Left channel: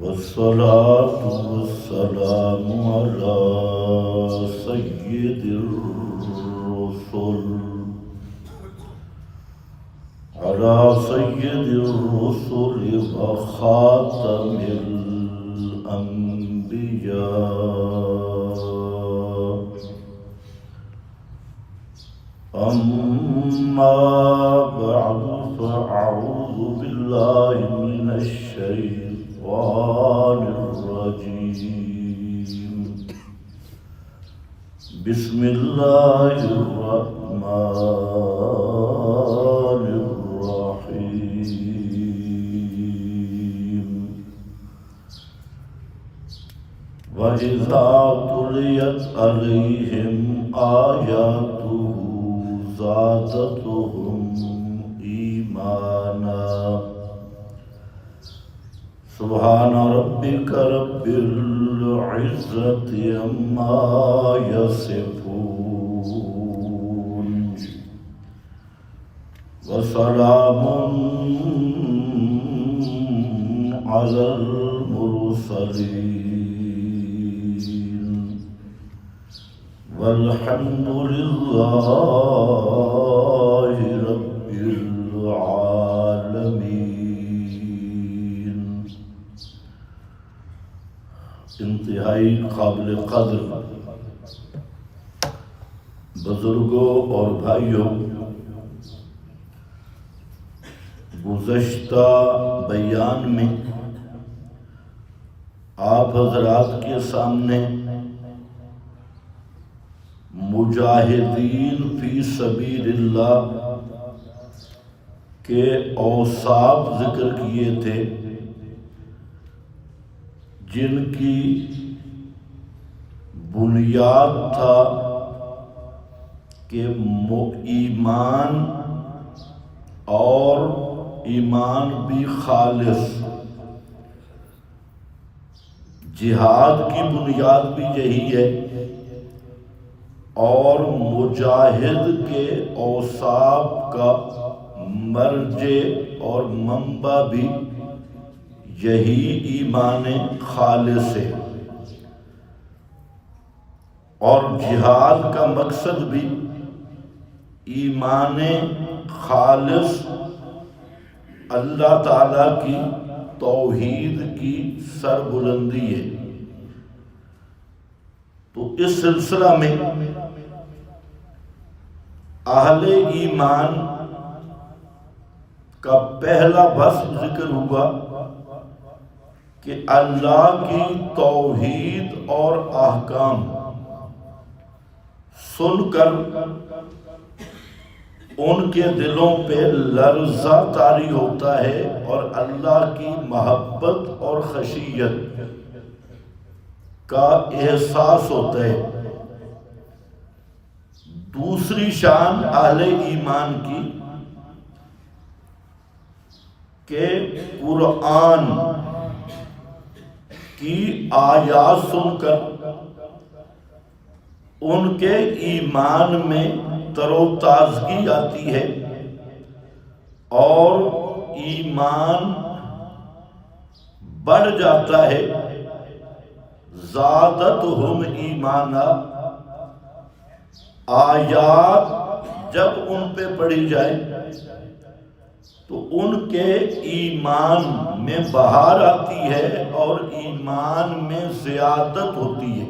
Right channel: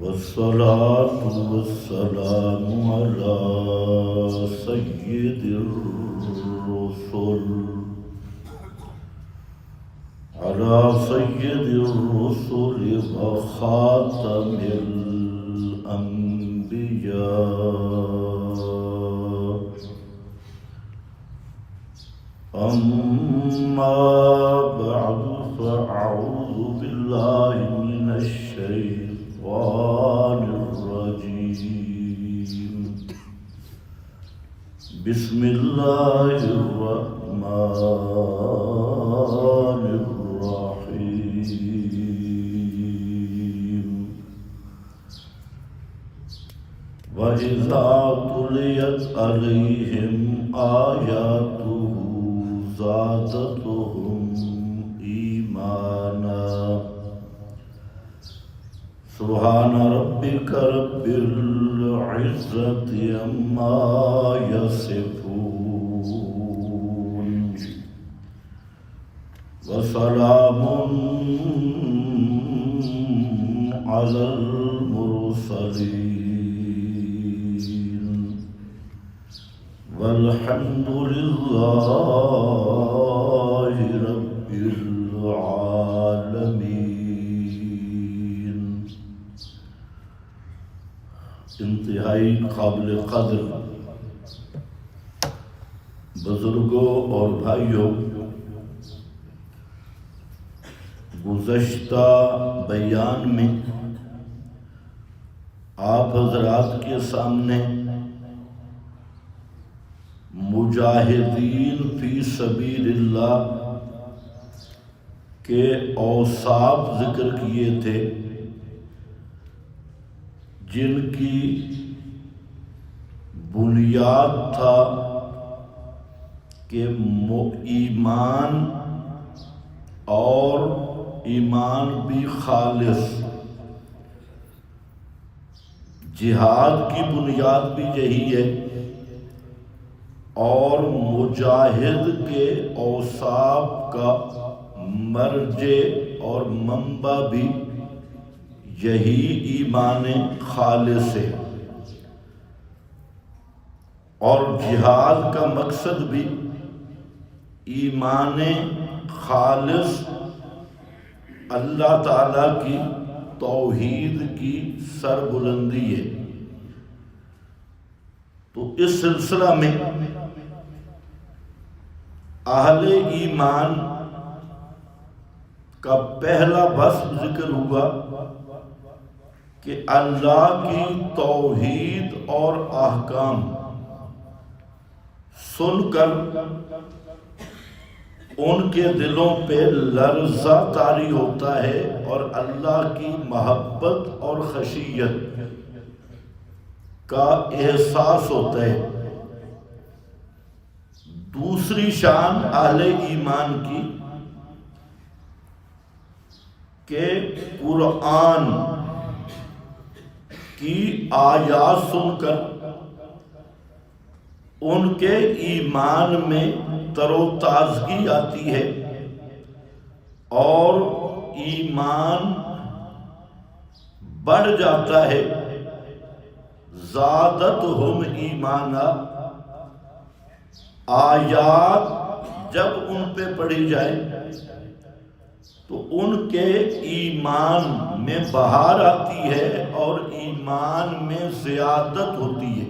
والصلاة والسلام على سيد الرسل وخاتم الأنبياء. أما بعد فأعوذ بالله من الشيطان الرجيم. بسم الله الرحمن الرحيم. وإذا تليت عليهم آياته زادتهم إيمانا. سبحان ربك رب العزة عما يصفون وسلام على المرسلين والحمد لله رب العالمين. انتہائی قابل قدر بزرگوں اور بھائیوں، گزشتہ بیان میں آپ حضرات کے سامنے مجاہدین فی سبیل اللہ کے اوصاف ذکر کیے تھے، جن کی بنیاد تھا کہ ایمان اور ایمان بھی خالص. جہاد کی بنیاد بھی یہی ہے اور مجاہد کے اوصاف کا مرجع اور منبع بھی یہی ایمان خالص ہے. اور جہاد کا مقصد بھی ایمان خالص، اللہ تعالیٰ کی توحید کی سربلندی ہے. تو اس سلسلہ میں اہل ایمان کا پہلا وصف ذکر ہوا کہ اللہ کی توحید اور احکام سن کر ان کے دلوں پہ لرزہ طاری ہوتا ہے اور اللہ کی محبت اور خشیت کا احساس ہوتا ہے. دوسری شان اہل ایمان کی کہ قرآن کی آیات سن کر ان کے ایمان میں تر و تازگی آتی ہے اور ایمان بڑھ جاتا ہے. زادتہم ایمانا، آیات جب ان پہ پڑھی جائے تو ان کے ایمان میں بہار آتی ہے اور ایمان میں زیادت ہوتی ہے.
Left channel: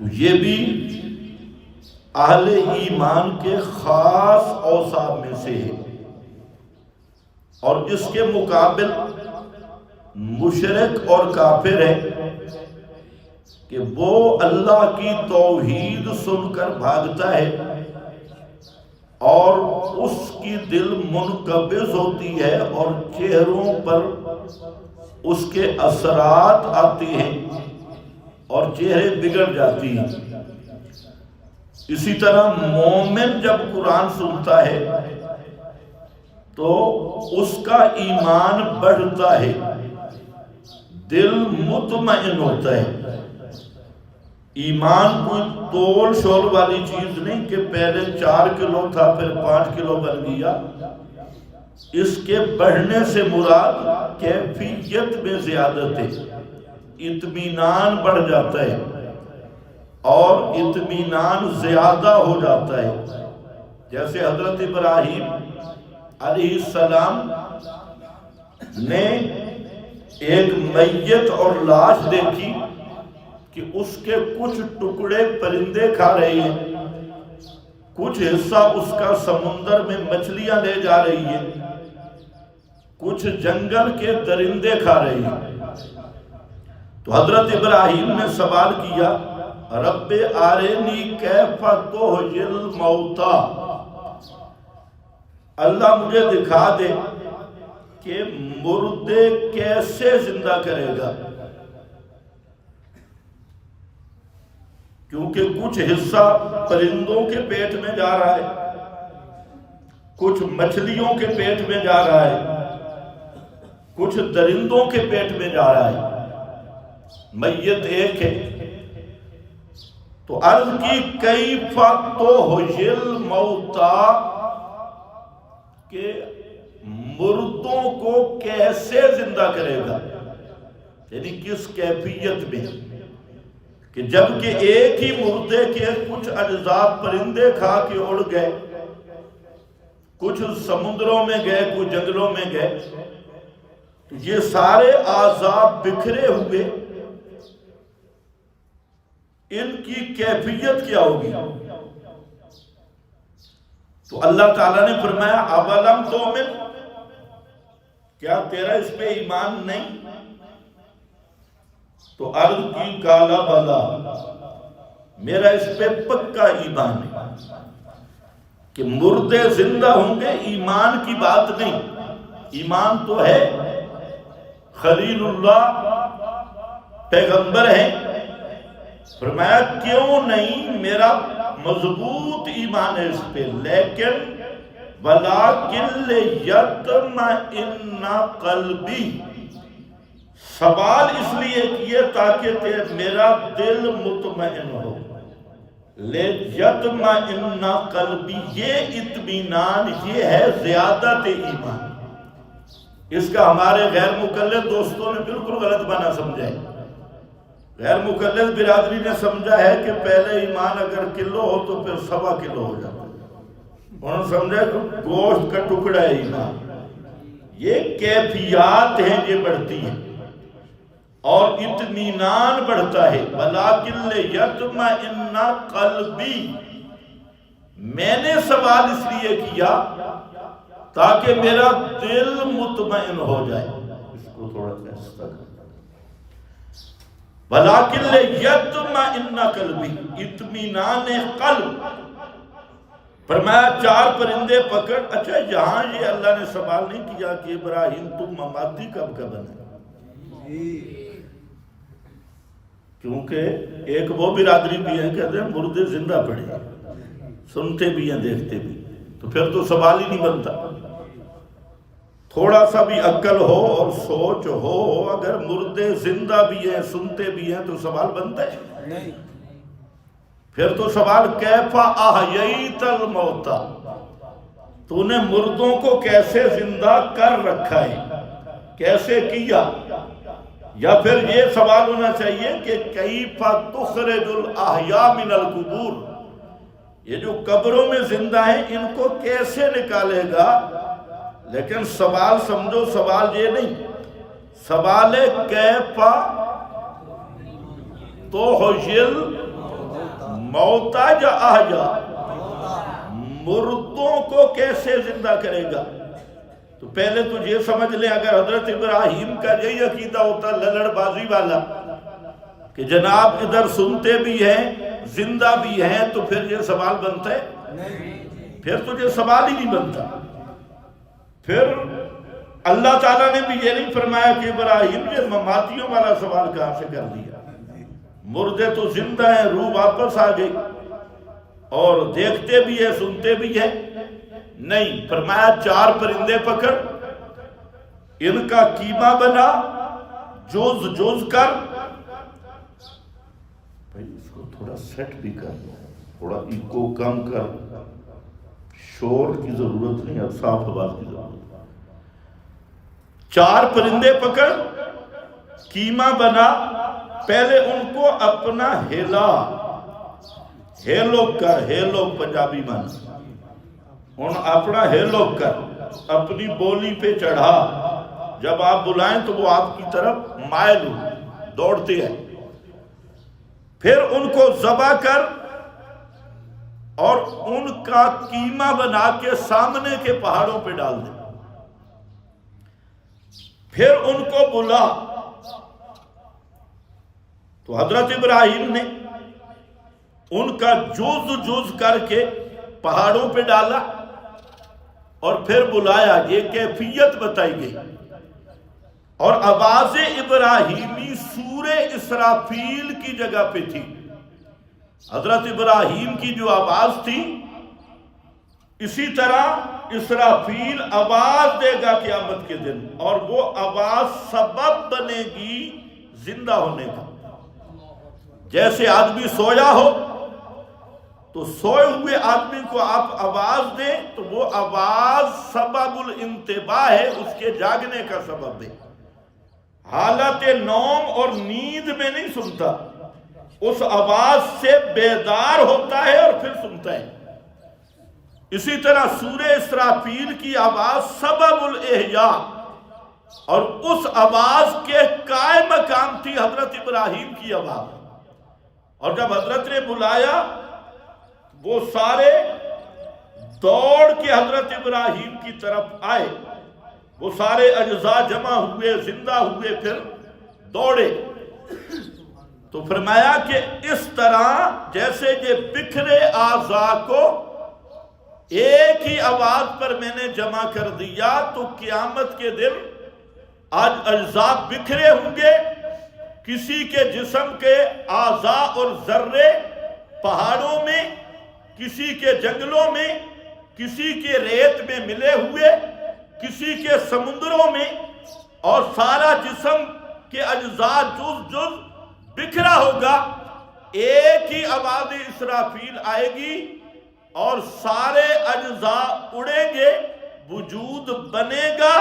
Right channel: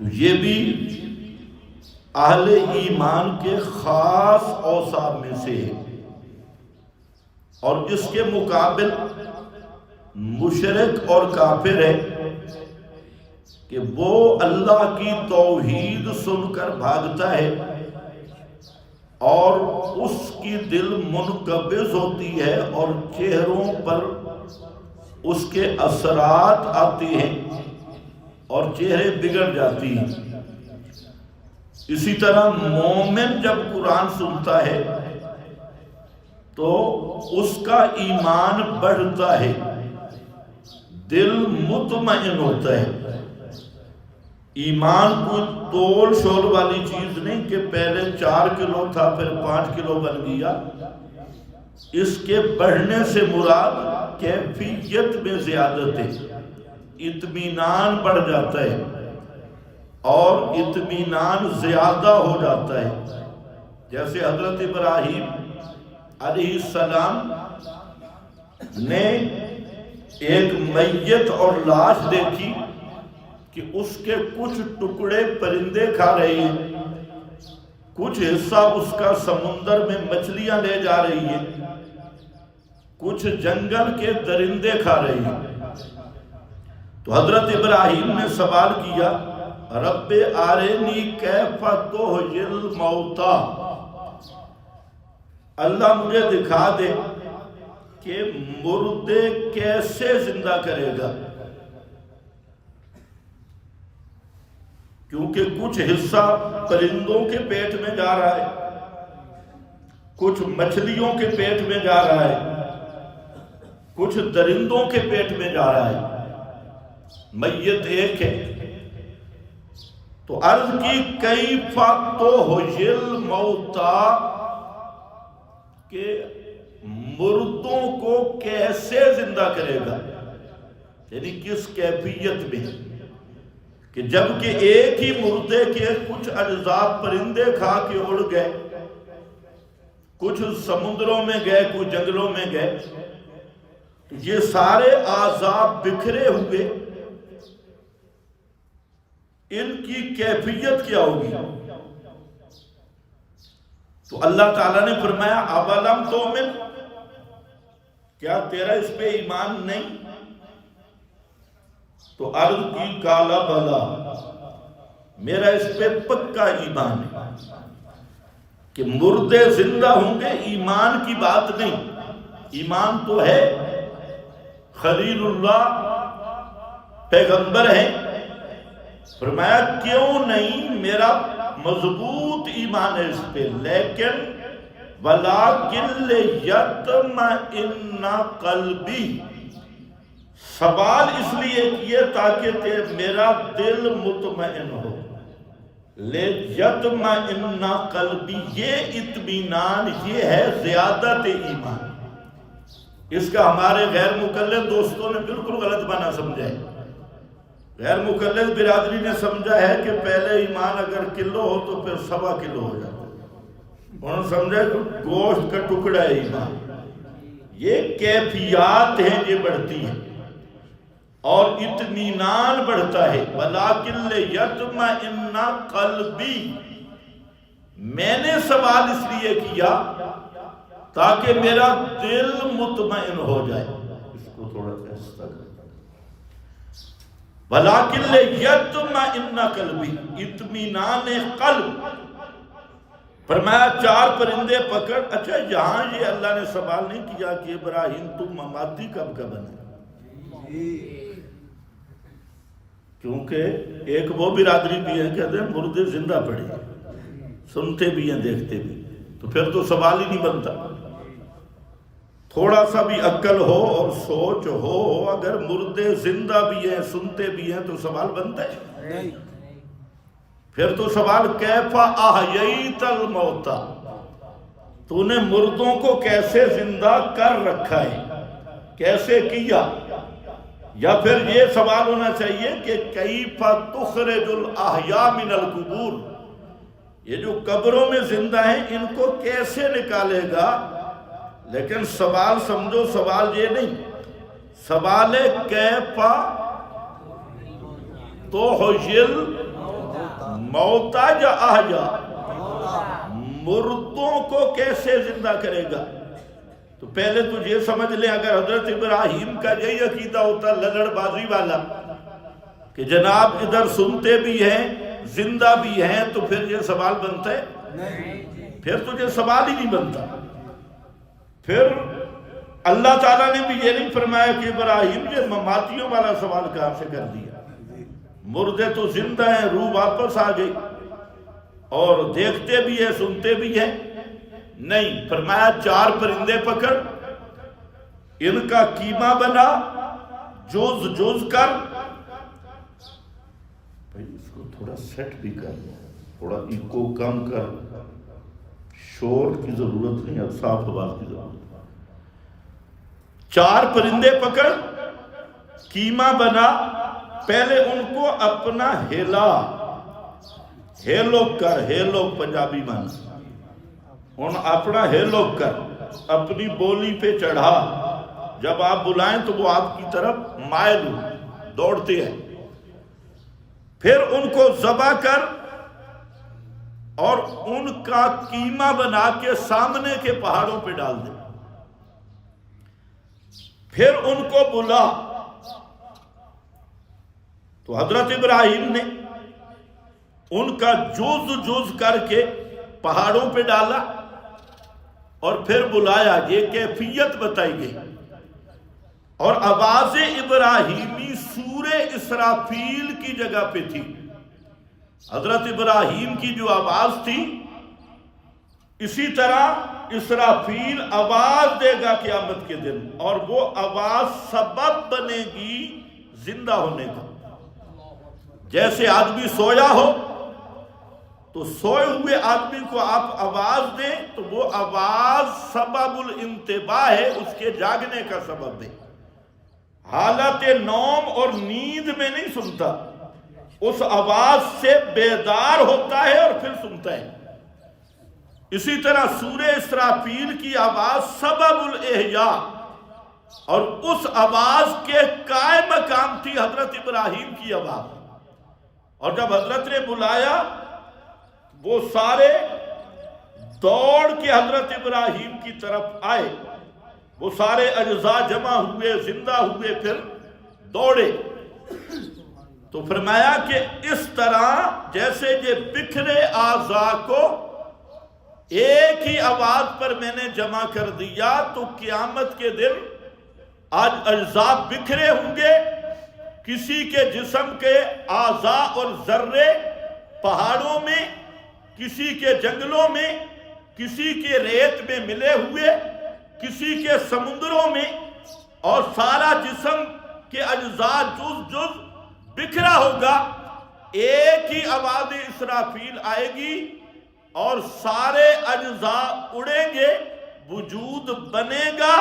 تو یہ بھی اہل ایمان کے خاص اوصاف میں سے ہے. اور اس کے مقابل مشرک اور کافر ہے کہ وہ اللہ کی توحید سن کر بھاگتا ہے اور اس کی دل منقبض ہوتی ہے اور چہروں پر اس کے اثرات آتے ہیں اور چہرے بگڑ جاتی ہیں. اسی طرح مومن جب قرآن سنتا ہے تو اس کا ایمان بڑھتا ہے، دل مطمئن ہوتا ہے. ایمان کوئی تول شول والی چیز نہیں کہ پہلے 4 کلو تھا پھر 5 کلو بن گیا. اس کے بڑھنے سے مراد کیفیت میں زیادت ہے، اطمینان بڑھ جاتا ہے اور اطمینان زیادہ ہو جاتا ہے۔ جیسے حضرت ابراہیم علیہ السلام نے ایک میت اور لاش دیکھی کہ اس کے کچھ ٹکڑے پرندے کھا رہے ہیں، کچھ حصہ اس کا سمندر میں مچھلیاں لے جا رہی ہیں، کچھ جنگل کے درندے کھا رہے ہیں۔ تو حضرت ابراہیم نے سوال کیا، رب آرینی کیف تحیی الموتی، اللہ مجھے دکھا دے کہ مردے کیسے زندہ کرے گا، کیونکہ کچھ حصہ پرندوں کے پیٹ میں جا رہا ہے، کچھ مچھلیوں کے پیٹ میں جا رہا ہے، کچھ درندوں کے پیٹ میں جا رہا ہے، میت ایک ہے۔ تو عرض کی کیف تحیی الموتی، کہ مردوں کو کیسے زندہ کرے گا، یعنی کس کیفیت میں، کہ جبکہ ایک ہی مردے کے کچھ اجزاء پرندے کھا کے اڑ گئے، کچھ سمندروں میں گئے، کچھ جنگلوں میں گئے، تو یہ سارے اعضاء بکھرے ہوئے، ان کی کیفیت کیا ہوگی؟ تو اللہ تعالیٰ نے فرمایا اولم تؤمن، کیا تیرا اس پہ ایمان نہیں؟ تو عرض کی کالا بلا، میرا اس پہ پکا ایمان ہے کہ مردے زندہ ہوں گے، ایمان کی بات نہیں، ایمان تو ہے، خلیل اللہ پیغمبر ہیں۔ فرمایا کیوں نہیں، میرا مضبوط ایمان ہے اس پہ، لیکن وَلَٰكِن لِيَطْمَئِنَّ قَلْبِي، سوال اس لیے کیے تاکہ میرا دل مطمئن ہو، لِيَطْمَئِنَّ قَلْبِي، یہ اطمینان، یہ ہے زیادت ایمان۔ اس کا ہمارے غیر مقلد دوستوں نے بالکل غلط معنی سمجھا ہے۔ غیر مقلد برادری نے سمجھا ہے کہ پہلے ایمان اگر کلو ہو تو پھر 1.25 کلو ہو جاتا ہے، انہوں نے سمجھا کہ گوشت کا ٹکڑا ہے ایمان۔ یہ کیفیات ہیں، یہ بڑھتی ہیں اور اطمینان بڑھتا ہے۔ وَلَٰكِن لِيَطْمَئِنَّ قَلْبِي، میں نے سوال اس لیے کیا تاکہ میرا دل مطمئن ہو جائے۔ اس کو تھوڑا ایسا کر، وَلَٰكِن لِيَطْمَئِنَّ قَلْبِي، اطمینان قلب۔ فرمایا 4 پرندے پکڑ۔ اچھا یہاں یہ اللہ نے سوال نہیں کیا کہ ابراہیم تم مماتی کب کا بنے، کیونکہ ایک وہ برادری بھی ہے کہتے ہیں مردے زندہ پڑے، سنتے بھی ہیں دیکھتے بھی، تو پھر تو سوال ہی نہیں بنتا۔ تھوڑا سا بھی عقل ہو اور سوچ ہو، اگر مردے زندہ بھی ہیں، سنتے بھی ہیں، تو سوال بنتا ہے؟ پھر تو سوال کیف احییت الموتی، تو نے مردوں کو کیسے زندہ کر رکھا ہے، کیسے کیا؟ یا پھر یہ سوال ہونا چاہیے کہ کیف تخرج الاحیاء من القبور، یہ جو قبروں میں زندہ ہیں ان کو کیسے نکالے گا؟ لیکن سوال سمجھو، سوال یہ نہیں، سوال ہے کیف تحیی الموتی یا احیاء، مردوں کو کیسے زندہ کرے گا؟ تو پہلے تو یہ سمجھ لیں، اگر حضرت ابراہیم کا یہی عقیدہ ہوتا لڑڑ بازی والا کہ جناب ادھر سنتے بھی ہیں زندہ بھی ہیں، تو پھر یہ سوال بنتا ہے؟ پھر تو یہ سوال ہی نہیں بنتا۔ پھر اللہ تعالیٰ نے بھی یہ نہیں فرمایا کہ ابراہیم یہ مماتیوں والا سوال کہاں سے کر دیا، مردے تو زندہ ہیں، روح واپس آ گئی اور دیکھتے بھی ہیں سنتے بھی ہیں، نہیں، فرمایا 4 پرندے پکڑ، ان کا قیمہ بنا، جز جز کر۔ بھائی اس کو تھوڑا سیٹ بھی کر لو، تھوڑا ایکو کم کر، شور کی ضرورت نہیں ہے، صاف آواز کی ضرورت ہے۔ 4 پرندے پکڑ، قیمہ بنا، پہلے ان کو اپنا ہیلو کر، ہیلو پنجابی مانا، ان اپنا ہیلو کر، اپنی بولی پہ چڑھا، جب آپ بلائیں تو وہ آپ کی طرف مائل ہو، دوڑتے ہیں، پھر ان کو ذبح کر اور ان کا قیمہ بنا کے سامنے کے پہاڑوں پہ ڈال دے، پھر ان کو بلا۔ تو حضرت ابراہیم نے ان کا جز کر کے پہاڑوں پہ ڈالا اور پھر بلایا، یہ کیفیت بتائی گئی، اور آواز ابراہیمی سورہ اسرافیل کی جگہ پہ تھی۔ حضرت ابراہیم کی جو آواز تھی، اسی طرح اسرافیل آواز دے گا قیامت کے دن، اور وہ آواز سبب بنے گی زندہ ہونے کا۔ جیسے آدمی سویا ہو تو سوئے ہوئے آدمی کو آپ آواز دیں تو وہ آواز سبب الانتباہ ہے، اس کے جاگنے کا سبب ہے۔ حالت نوم اور نیند میں نہیں سنتا، اس آواز سے بیدار ہوتا ہے اور پھر سنتا ہے۔ اسی طرح سورہ اسرافیل کی آواز سبب الاحیاء، اور اس آواز کے قائم مقام تھی حضرت ابراہیم کی آواز۔ اور جب حضرت نے بلایا، وہ سارے دوڑ کے حضرت ابراہیم کی طرف آئے، وہ سارے اجزاء جمع ہوئے، زندہ ہوئے، پھر دوڑے۔ تو فرمایا کہ اس طرح جیسے یہ بکھرے اعضاء کو ایک ہی آواز پر میں نے جمع کر دیا، تو قیامت کے دن آج اجزاء بکھرے ہوں گے، کسی کے جسم کے اعضاء اور ذرے پہاڑوں میں، کسی کے جنگلوں میں، کسی کے ریت میں ملے ہوئے، کسی کے سمندروں میں، اور سارا جسم کے اجزاء جز بکھرا ہوگا۔ ایک ہی آواز اسرافیل آئے گی اور سارے اجزاء اڑیں گے، وجود بنے گا،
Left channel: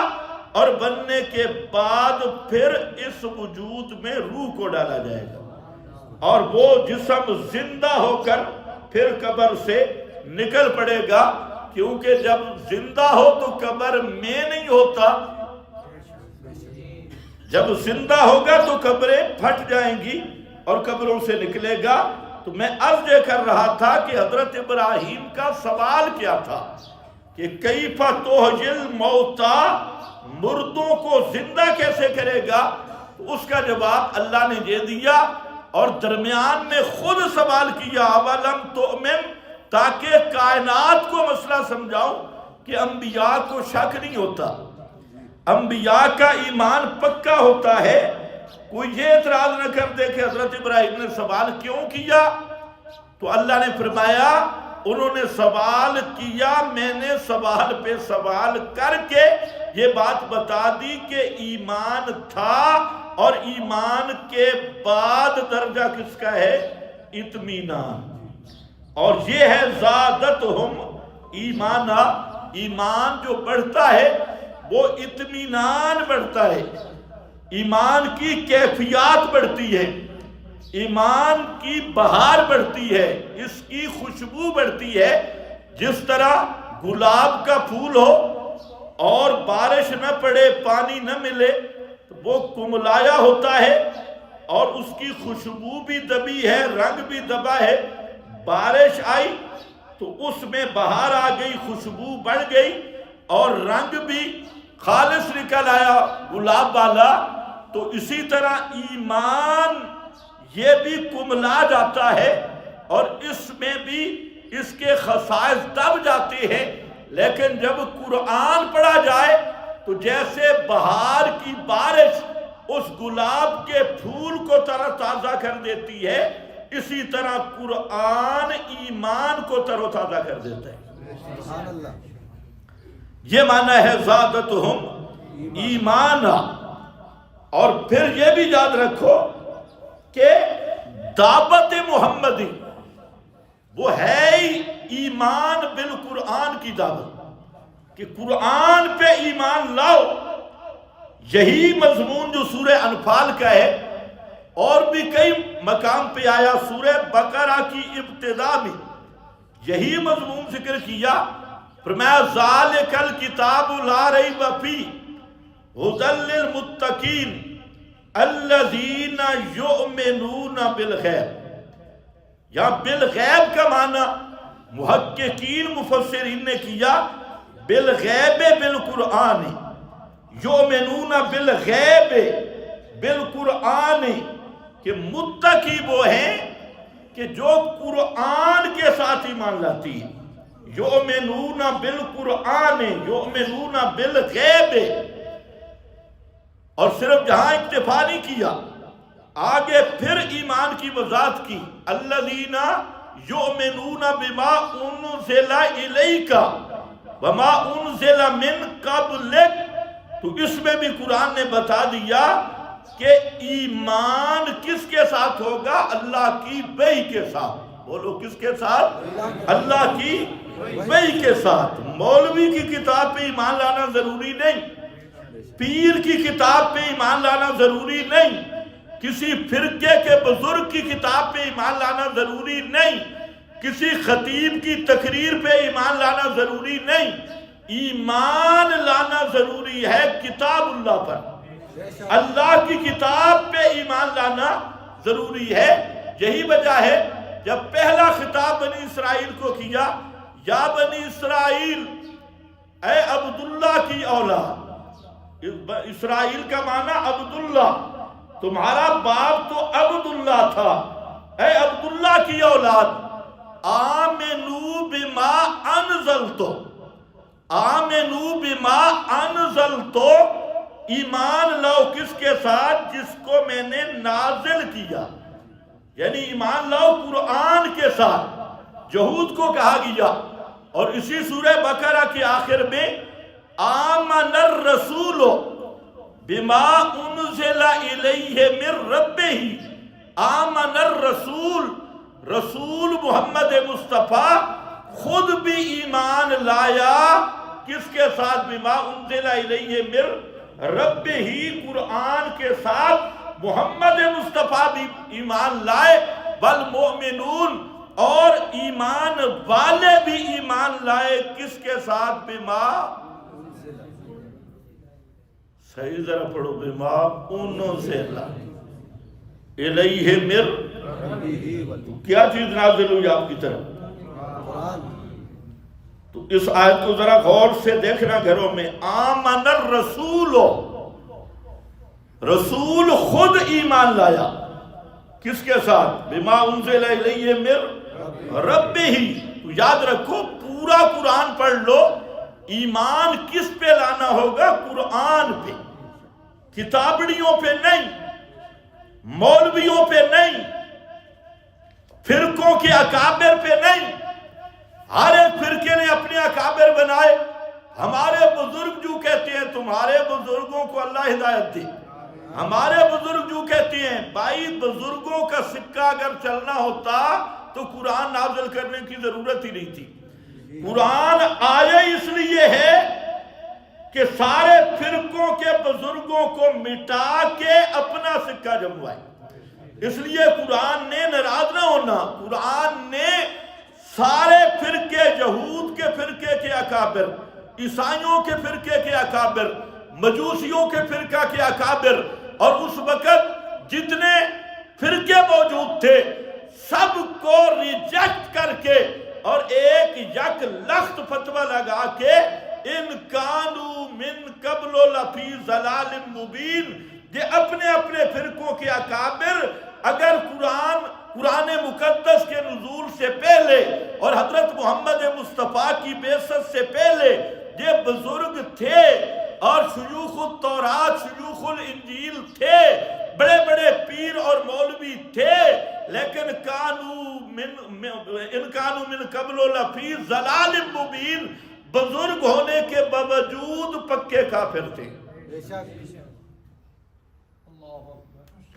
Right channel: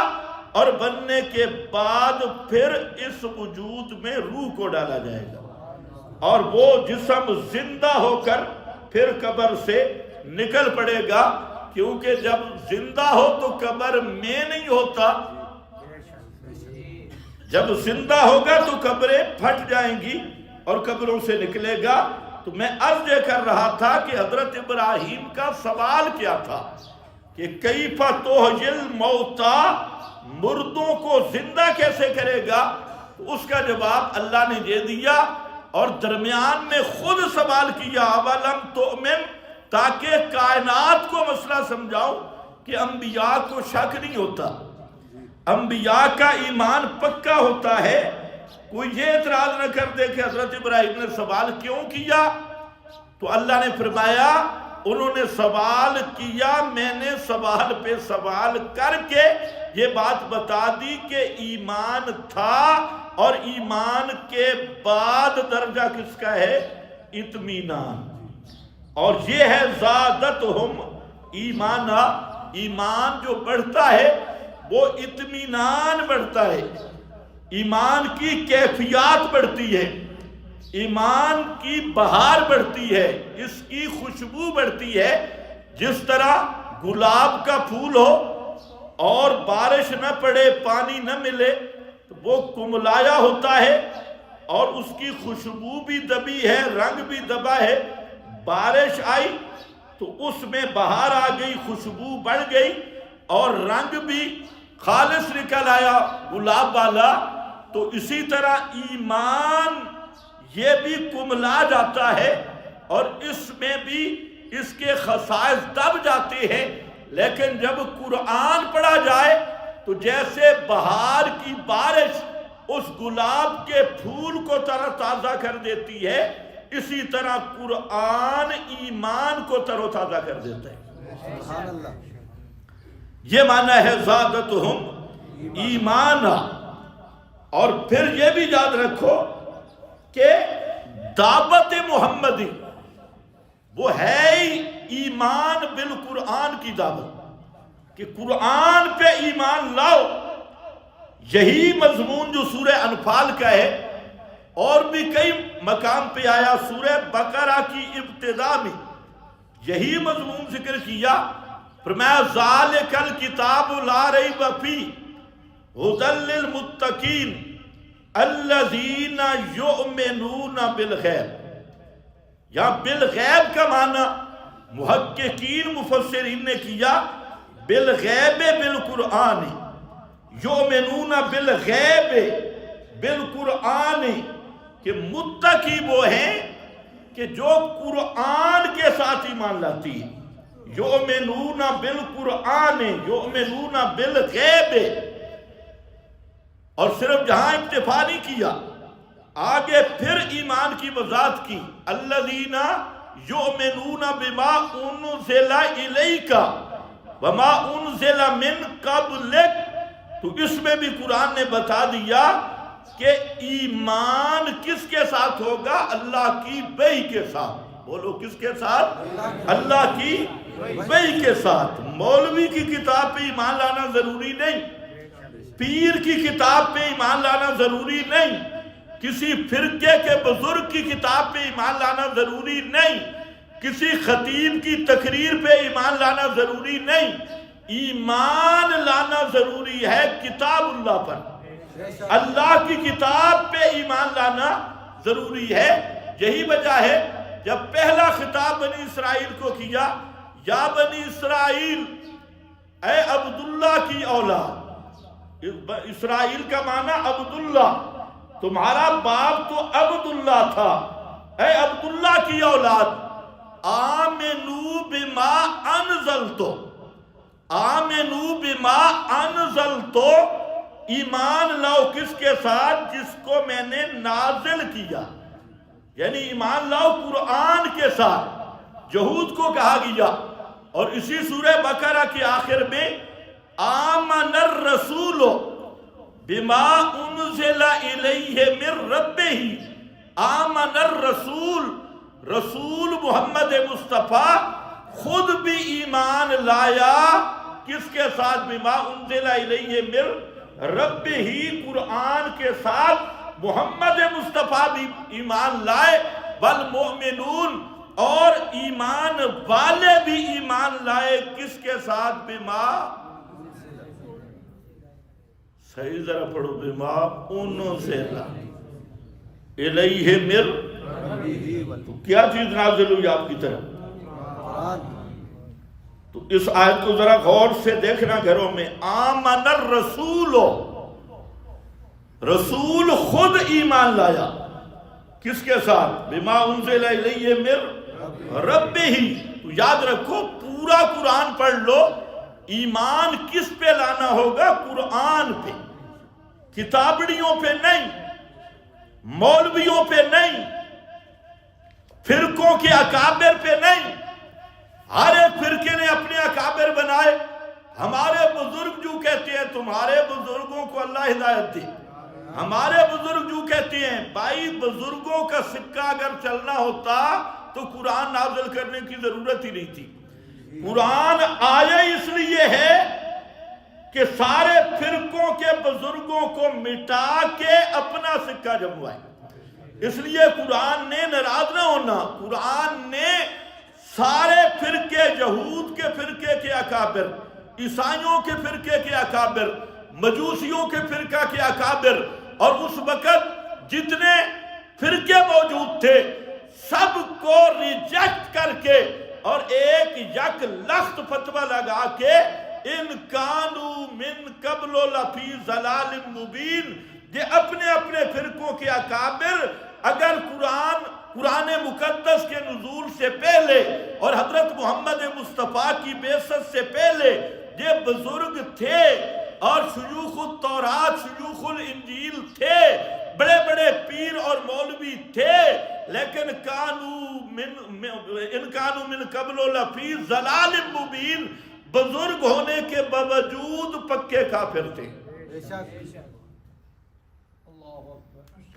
اور بننے کے بعد پھر اس وجود میں روح کو ڈالا جائے گا، اور وہ جسم زندہ ہو کر پھر قبر سے نکل پڑے گا، کیونکہ جب زندہ ہو تو قبر میں نہیں ہوتا، جب زندہ ہوگا تو قبریں پھٹ جائیں گی اور قبروں سے نکلے گا۔ تو میں عرض یہ کر رہا تھا کہ حضرت ابراہیم کا سوال کیا تھا کہ کیف تحیی الموتی، مردوں کو زندہ کیسے کرے گا؟ تو اس کا جواب اللہ نے دے دیا، اور درمیان میں خود سوال کیا اولم تؤمن، تاکہ کائنات کو مسئلہ سمجھاؤں کہ انبیاء کو شک نہیں ہوتا، انبیاء کا ایمان پکا ہوتا ہے۔ کوئی یہ اعتراض نہ کر دے کہ حضرت ابراہیم نے سوال کیوں کیا؟ تو اللہ نے فرمایا انہوں نے سوال کیا، میں نے سوال پہ سوال کر کے یہ بات بتا دی کہ ایمان تھا، اور ایمان کے بعد درجہ کس کا ہے؟ اطمینان، اور یہ ہے زادتہم ایمانا، ایمان جو بڑھتا ہے وہ اطمینان بڑھتا ہے، ایمان کی کیفیات بڑھتی ہے، ایمان کی بہار بڑھتی ہے، اس کی خوشبو بڑھتی ہے۔ جس طرح گلاب کا پھول ہو اور بارش نہ پڑے، پانی نہ ملے، تو وہ کملایا ہوتا ہے اور اس کی خوشبو بھی دبی ہے، رنگ بھی دبا ہے۔ بارش آئی تو اس میں بہار آ گئی، خوشبو بڑھ گئی، اور رنگ بھی خالص نکل آیا گلاب والا۔ تو اسی طرح ایمان یہ بھی کملا جاتا ہے، اور اس میں بھی اس کے خصائص دب جاتے ہیں۔ لیکن جب قرآن پڑھا جائے تو جیسے بہار کی بارش اس گلاب کے پھول کو تر و تازہ کر دیتی ہے، اسی طرح قرآن ایمان کو تر و تازہ کر دیتا ہے۔ یہ معنی ہے زادتہم ایمانا۔ اور پھر یہ بھی یاد رکھو کہ دعوت محمدی وہ ہے ہی ایمان بالقرآن کی دعوت، کہ قرآن پہ ایمان لاؤ، یہی مضمون جو سورہ انفال کا ہے اور بھی کئی مقام پہ آیا، سورہ بقرہ کی ابتدا میں یہی مضمون ذکر کیا، فرمایا ذالک الکتاب لا ریب فیہ ھدی للمتقین الذین یؤمنون بالغیب۔ یا بالغیب کا معنی محققین مفسرین نے کیا بالغیب بالقرآن، یؤمنون بالغیب بالقرآن، کہ متقی وہ ہیں کہ جو قرآن کے ساتھ ایمان لاتی ہے، یؤمنون بالقرآن یؤمنون بالغیب۔ اور صرف جہاں اکتفا نہیں کیا، آگے پھر ایمان کی وضاحت کی، الذین یؤمنون بما انزل الیک وما انزل من قبلک۔ تو اس میں بھی قرآن نے بتا دیا کہ ایمان کس کے ساتھ ہوگا؟ اللہ کی وحی کے ساتھ۔ بولو کس کے ساتھ؟ اللہ کی وحی کے ساتھ۔ مولوی کی کتاب پہ ایمان لانا ضروری نہیں، پیر کی کتاب پہ ایمان لانا ضروری نہیں، کسی فرقے کے بزرگ کی کتاب پہ ایمان لانا ضروری نہیں، کسی خطیب کی تقریر پہ ایمان لانا ضروری نہیں، ایمان لانا ضروری ہے کتاب اللہ پر، اللہ کی کتاب پہ ایمان لانا ضروری ہے۔ یہی وجہ ہے جب پہلا خطاب بنی اسرائیل کو کیا، یا بنی اسرائیل اے عبداللہ کی اولاد، اسرائیل کا معنی عبداللہ، تمہارا باپ تو عبداللہ تھا، اے عبداللہ کی اولاد آمنو بما انزلتو، آمنو بما انزلتو، ایمان لاؤ کس کے ساتھ؟ جس کو میں نے نازل کیا، یعنی ایمان لاؤ قرآن کے ساتھ۔ یہود کو کہا گیا، اور اسی سورہ بقرہ کے آخر میں آمن الرسول بما انزل الیہ من ربہ، آمن الرسول، رسول محمد مصطفیٰ خود بھی ایمان لایا کس کے ساتھ؟ بما انزل الیہ من ربہ، قرآن کے ساتھ محمد مصطفیٰ بھی ایمان لائے، والمؤمنون، اور ایمان والے بھی ایمان لائے کس کے ساتھ؟ بما، صحیح ذرا پڑھو، بما انزل الیہ من، تو کیا چیز نازل ہوئی آپ کی طرف؟ تو اس آیت کو ذرا غور سے دیکھنا گھروں میں، آمن الرسول، رسول خود ایمان لایا کس کے ساتھ؟ بما انزل الیہ من ربہ۔ تو یاد رکھو پورا قرآن پڑھ لو، ایمان کس پہ لانا ہوگا؟ قرآن پہ، کتابڑیوں پہ نہیں، مولویوں پہ نہیں، فرقوں کے اکابر پہ نہیں۔ ہر ایک فرقے نے اپنے اکابر بنائے، ہمارے بزرگ جو کہتے ہیں تمہارے بزرگوں کو اللہ ہدایت دے، ہمارے بزرگ جو کہتے ہیں بھائی بزرگوں کا سکہ اگر چلنا ہوتا تو قرآن نازل کرنے کی ضرورت ہی نہیں تھی۔ قرآن آیا اس لیے ہے کہ سارے فرقوں کے بزرگوں کو مٹا کے اپنا سکہ جموائے۔ اس لیے قرآن نے ناراض نہ ہونا، قرآن نے سارے فرقے، یہود کے فرقے کے اکابر، عیسائیوں کے فرقے کے اکابر، مجوسیوں کے فرقہ کے اکابر، اور اس وقت جتنے فرقے موجود تھے سب کو ریجیکٹ کر کے اور ایک یک لخت فتویٰ لگا کے ان کانو من قبل لفی ضلال مبین، یہ اپنے اپنے فرقوں کے اکابر اگر قرآن مقدس کے نزول سے پہلے اور حضرت محمد مصطفیٰ کی بعثت سے پہلے یہ بزرگ تھے اور شیوخ التورات شیوخ الانجیل تھے، بڑے بڑے پیر اور مولوی تھے، لیکن ان کانو من قبل لفی ضلال مبین، بزرگ ہونے کے باوجود پکے کافر تھے۔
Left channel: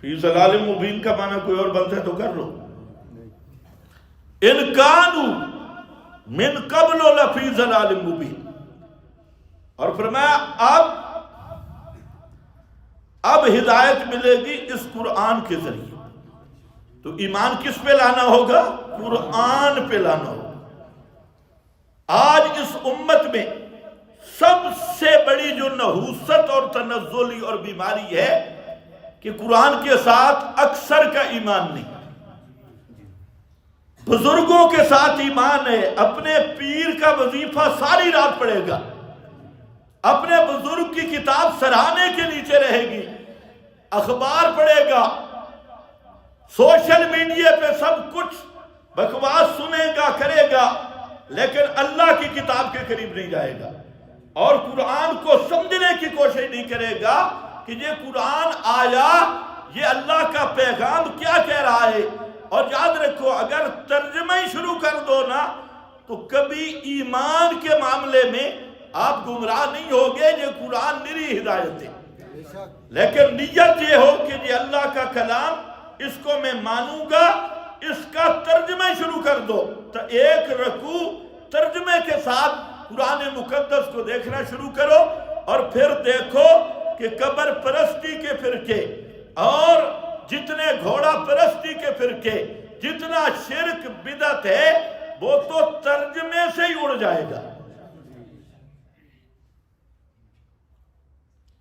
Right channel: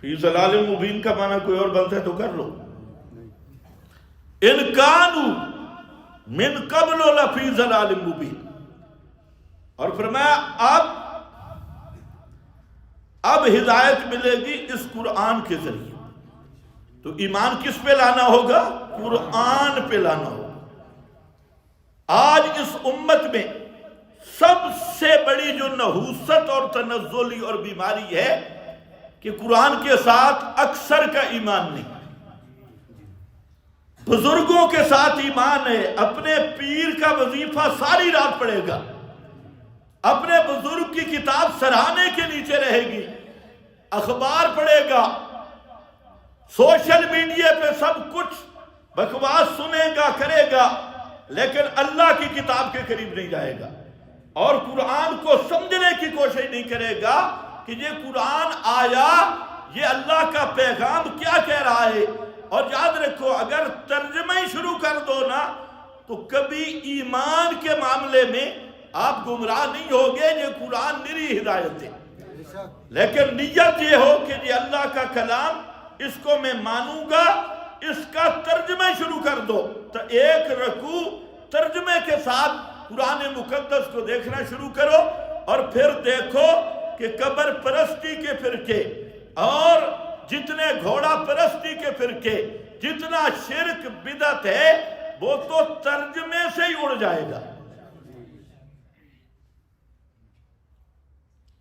فی ضلال مبین کا معنی کوئی اور بنتا ہے تو کر لو، ان کانو من قبل لفی ضلال مبین۔ اور فرمایا اب اب ہدایت ملے گی اس قرآن کے ذریعے. تو ایمان کس پہ لانا ہوگا؟ قرآن پہ لانا ہوگا. آج اس امت میں سب سے بڑی جو نحوست اور تنزلی اور بیماری ہے کہ قرآن کے ساتھ اکثر کا ایمان نہیں. بزرگوں کے ساتھ ایمان ہے، اپنے پیر کا وظیفہ ساری رات پڑھے گا، اپنے بزرگ کی کتاب سراہنے کے نیچے رہے گی، اخبار پڑھے گا، سوشل میڈیا پہ سب کچھ بکواس سنے گا، کرے گا، لیکن اللہ کی کتاب کے قریب نہیں جائے گا اور قرآن کو سمجھنے کی کوشش نہیں کرے گا کہ یہ قرآن آیا، یہ اللہ کا پیغام کیا کہہ رہا ہے. اور یاد رکھو اگر ترجمہ ہی شروع کر دو نا تو کبھی ایمان کے معاملے میں آپ گمراہ نہیں ہوگے. یہ قرآن نری ہدایت ہے، لیکن نیت یہ ہو کہ یہ اللہ کا کلام، اس کو میں مانوں گا، اس کا ترجمہ ہی شروع کر دو. تو ایک رکوع ترجمے کے ساتھ قرآن مقدس کو دیکھنا شروع کرو اور پھر دیکھو کہ قبر پرستی کے فرقے اور جتنے گھوڑا پرستی کے فرقے، جتنا شرک بدعت ہے وہ تو ترجمے سے ہی اڑ جائے گا.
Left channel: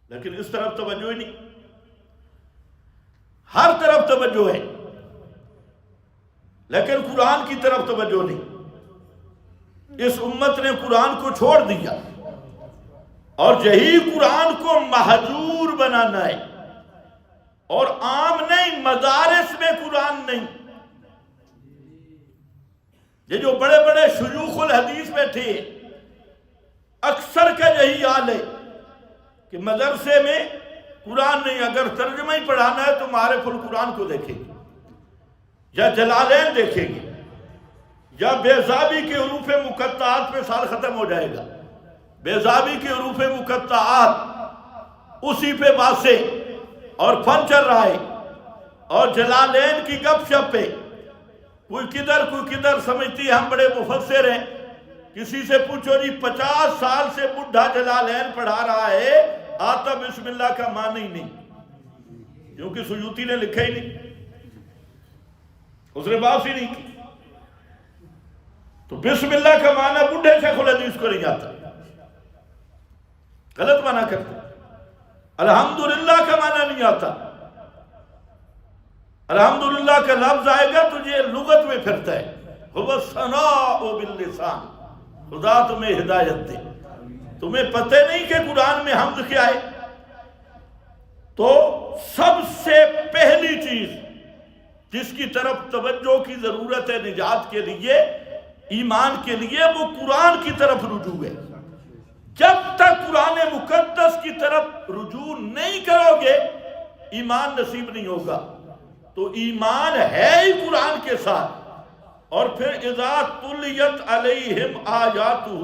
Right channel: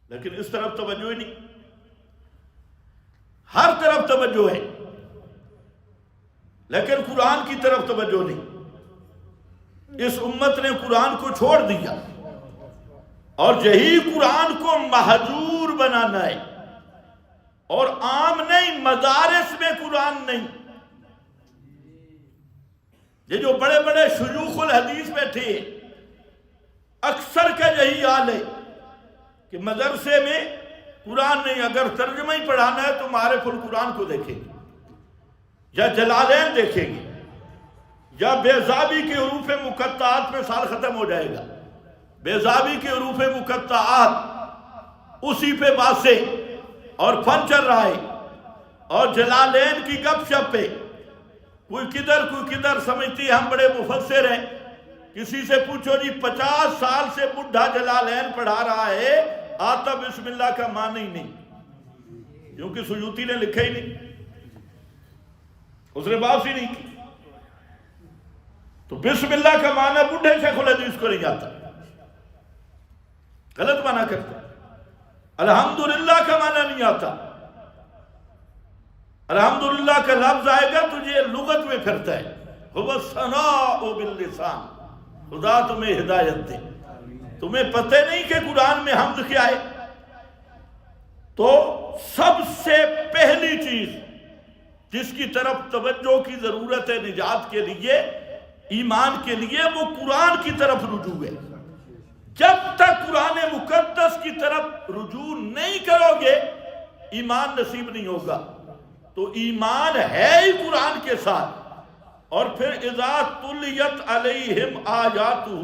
لیکن اس طرف توجہ ہی نہیں، ہر طرف توجہ ہے لیکن قرآن کی طرف توجہ نہیں. اس امت نے قرآن کو چھوڑ دیا اور یہی قرآن کو مہجور بنانا ہے. اور عام نہیں، مدارس میں قرآن نہیں. یہ جو بڑے بڑے شیوخ الحدیث بیٹھے اکثر کا یہی حال ہے کہ مدرسے میں قرآن نہیں. اگر ترجمہ ہی پڑھانا ہے تو معارف القرآن کو دیکھیں گے یا جلالین دیکھیں گے یا بیضابی کے حروف مقطعات پہ سال ختم ہو جائے گا. بیضابی کے حروف مقطعات اسی پہ باتیں اور فن چل رہا ہے، اور جلالین کی گپ شپ پہ کوئی کدھر سمجھتی ہے ہم بڑے مفسر ہیں. کسی سے پوچھو جی 50 سال سے بڈھا جلالین پڑھا رہا ہے، آتا بسم اللہ کا معنی ہی نہیں، کیونکہ سیوطی نے لکھا ہی نہیں، اس نے بات ہی نہیں کی. تو بسم اللہ کا معنی بڈھے شیخ الحدیث کو نہیں آتا، غلط معنی کرتے. الحمدللہ کا معنی نہیں آتا. الحمدللہ کا لفظ آئے گا تو یہ لغت میں پھرتا ہے. هو الثناء باللسان، خدا تمہیں ہدایت دے. تمہیں پتہ نہیں کہ قرآن میں حمد کیا ہے؟ تو سب سے پہلی چیز جس کی طرف توجہ کی ضرورت ہے نجات کے لیے، ایمان کے لیے، وہ قرآن کی طرف رجوع ہے. جب تک قرآن مقدس کی طرف رجوع نہیں کرو گے ایمان نصیب نہیں ہوگا. تو ایمان ہے ہی قرآن کے ساتھ. اور پھر اذا تلیت علیہم آیاتہ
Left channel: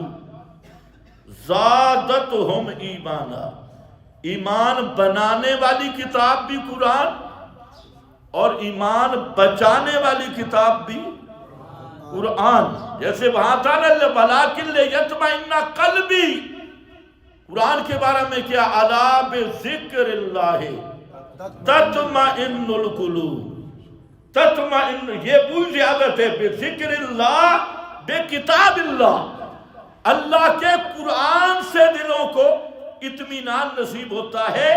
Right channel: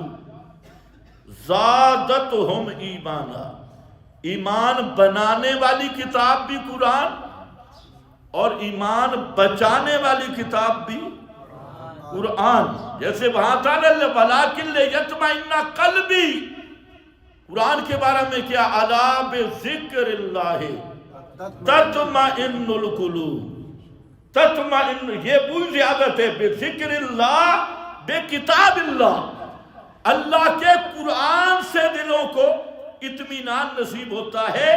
زادتہم ایمانا، ایمان بنانے والی کتاب بھی قرآن اور ایمان بچانے والی کتاب بھی قرآن. جیسے وہاں تھا نا وَلَٰكِن لِيَطْمَئِنَّ قَلْبِي، قرآن کے بارے میں کیا؟ الا بذکر اللہ تطمئن القلوب. تطمئن، یہ بوجھ زیادت ہے. بذکر اللہ، بے کتاب اللہ، اللہ کے قرآن سے دلوں کو اطمینان نصیب ہوتا ہے.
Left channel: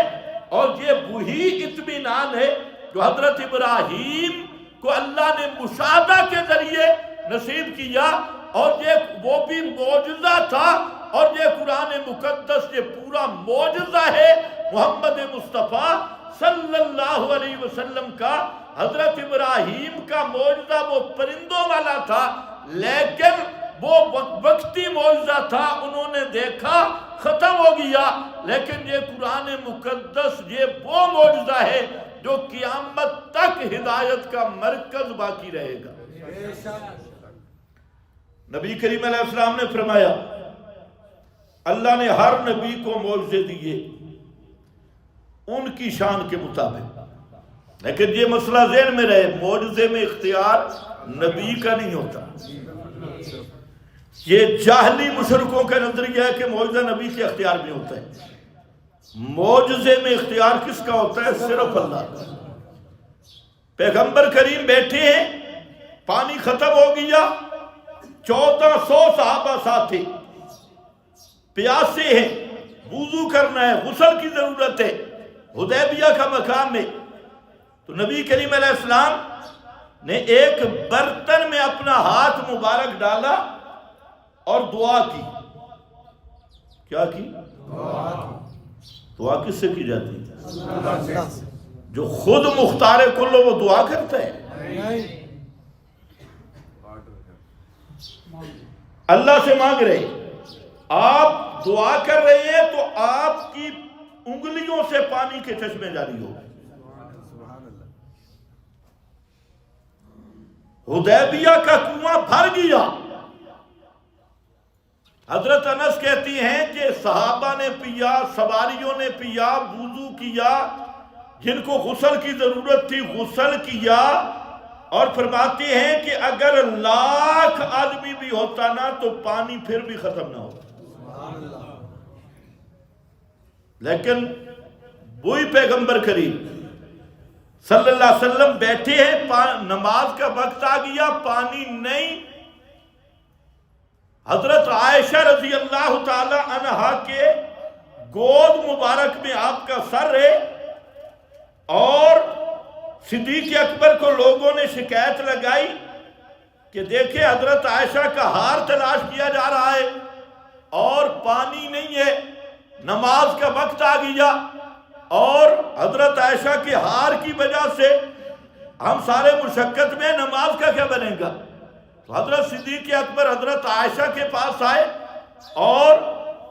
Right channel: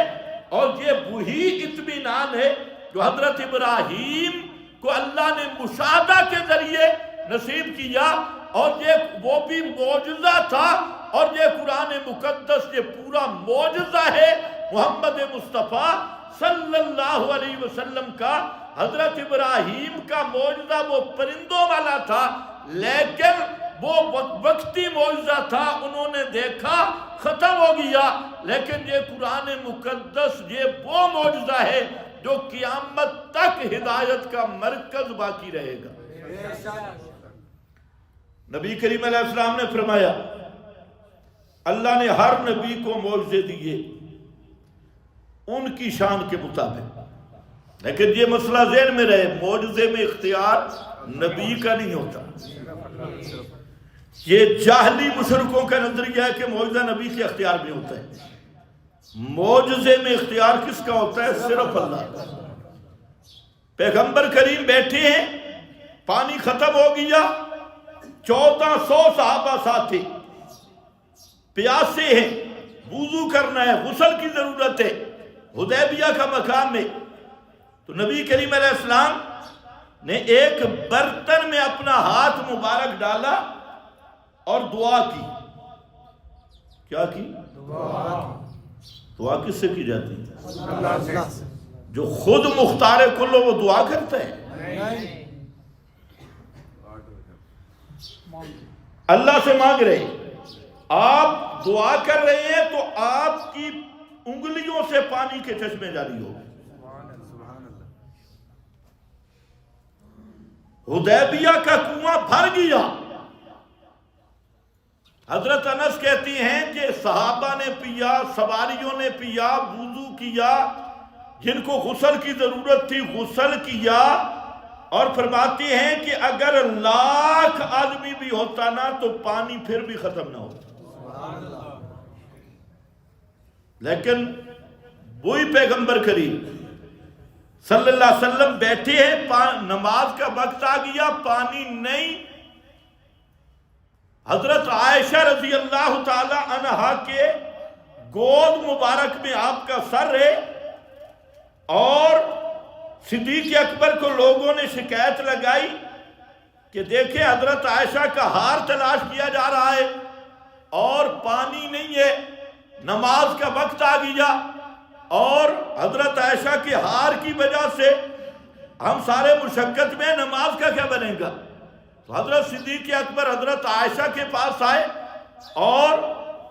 اور یہ وہی اطمینان ہے جو حضرت ابراہیم کو اللہ نے مشاہدہ کے ذریعے نصیب کیا، اور یہ وہ بھی معجزہ تھا. اور یہ قرآن مقدس یہ پورا معجزہ ہے محمد مصطفیٰ صلی اللہ علیہ وسلم کا. حضرت ابراہیم کا معجزہ وہ پرندوں والا تھا، لیکن وہ وقتی معجزہ تھا، انہوں نے دیکھا ختم ہو گیا. لیکن یہ قرآن مقدس یہ وہ معجزہ ہے جو قیامت تک ہدایت کا مرکز باقی رہے گا. نبی کریم علیہ السلام نے فرمایا اللہ نے ہر نبی کو معجزے دیے ان کی شان کے مطابق. لیکن یہ مسئلہ ذہن میں رہے، معجزے میں اختیار نبی کا نہیں ہوتا. یہ جاہلی مشرکوں کا نظریہ ہے کہ معجزہ نبی کے اختیار میں ہوتا ہے. معجزے میں اختیار کس کا ہوتا ہے؟ صرف اللہ کا۔ پیغمبر کریم بیٹھے ہیں، پانی ختم ہو گیا، 1400 صحابہ ساتھی پیاسے ہیں، وضو کرنا ہے، غسل کی ضرورت ہے، حدیبیہ کا مقام ہے۔ تو نبی کریم علیہ السلام نے ایک برتن میں اپنا ہاتھ مبارک ڈالا اور دعا کی۔ کیا کی؟ دعا کس سے کی جاتی ہے؟ جو خود مختار کل ہو وہ دعا کرتا ہے؟ اللہ سے مانگ رہے، آپ دعا کر رہے ہیں تو آپ کی انگلیوں سے پانی کے چشمے جاری ہو گئے۔ حدیبیہ کا کنواں بھر گیا۔ حضرت انس کہتی ہیں کہ صحابہ نے پیا، سواریوں نے پیا، وضو کیا، جن کو غسل کی ضرورت تھی غسل کیا، اور فرماتی ہیں کہ اگر 1,00,000 آدمی بھی ہوتا نا تو پانی پھر بھی ختم نہ ہوتا۔ لیکن وہی پیغمبر کریم صلی اللہ علیہ وسلم بیٹھے ہیں، نماز کا وقت آ گیا، پانی نہیں۔ حضرت عائشہ رضی اللہ تعالی عنہا کے گود مبارک میں آپ کا سر ہے، اور صدیق اکبر کو لوگوں نے شکایت لگائی کہ دیکھیں حضرت عائشہ کا ہار تلاش کیا جا رہا ہے اور پانی نہیں ہے، نماز کا وقت آ گیا اور حضرت عائشہ کے ہار کی وجہ سے ہم سارے مشقت میں، نماز کا کیا بنے گا؟ تو حضرت صدیق اکبر حضرت عائشہ کے پاس آئے اور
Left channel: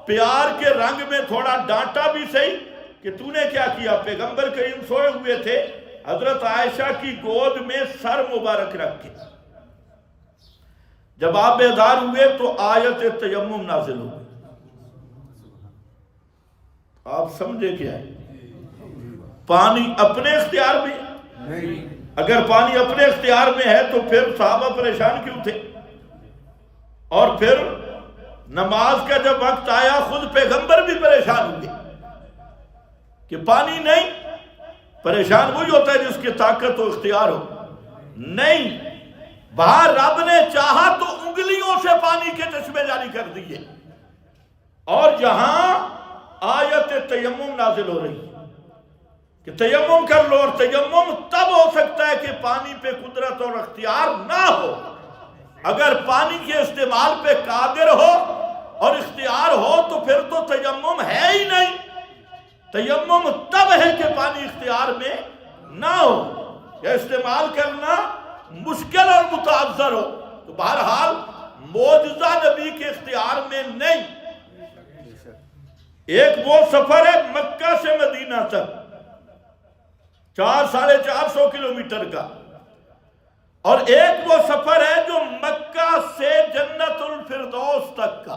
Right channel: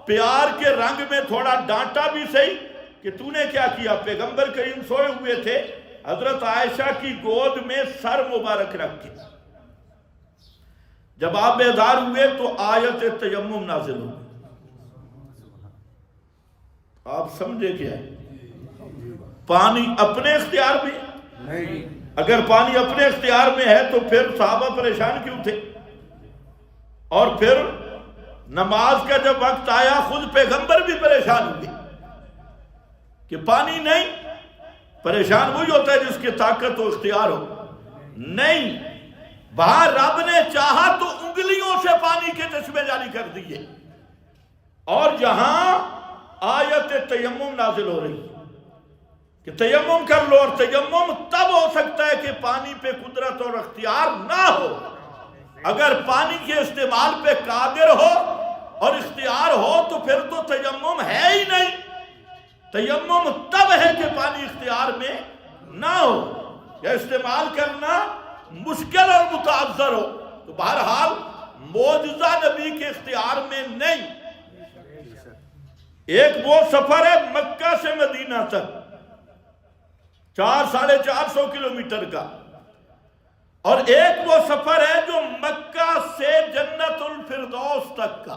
پیار کے رنگ میں تھوڑا ڈانٹا بھی صحیح کہ تو نے کیا کیا؟ پیغمبر کریم سوئے ہوئے تھے، حضرت عائشہ کی گود میں سر مبارک رکھ کے۔ جب آپ بیدار ہوئے تو آیت تیمم نازل ہو گئی۔ آپ سمجھے کیا ہے؟ پانی اپنے اختیار میں؟ اگر پانی اپنے اختیار میں ہے تو پھر صحابہ پریشان کیوں تھے؟ اور پھر نماز کا جب وقت آیا خود پیغمبر بھی پریشان ہوئے کہ پانی نہیں۔ پریشان وہی ہوتا ہے جس کی طاقت و اختیار ہو۔ نہیں، وہاں رب نے چاہا تو انگلیوں سے پانی کے چشمے جاری کر دیے، اور جہاں آیت تیمم نازل ہو رہی کہ تیمم کر لو، اور تیمم تب ہو سکتا ہے کہ پانی پہ قدرت اور اختیار نہ ہو۔ اگر پانی کے استعمال پہ قادر ہو اور اختیار ہو تو پھر تو تیمم ہے ہی نہیں۔ تیمم تب ہے کہ پانی اختیار میں نہ ہو یا استعمال کرنا مشکل اور متعذر ہو۔ تو بہرحال معجزہ نبی کے اختیار میں نہیں۔ ایک وہ سفر ہے مکہ سے مدینہ تک 400-450 کلومیٹر کا، اور ایک وہ سفر ہے جو مکہ سے جنت الفردوس تک کا،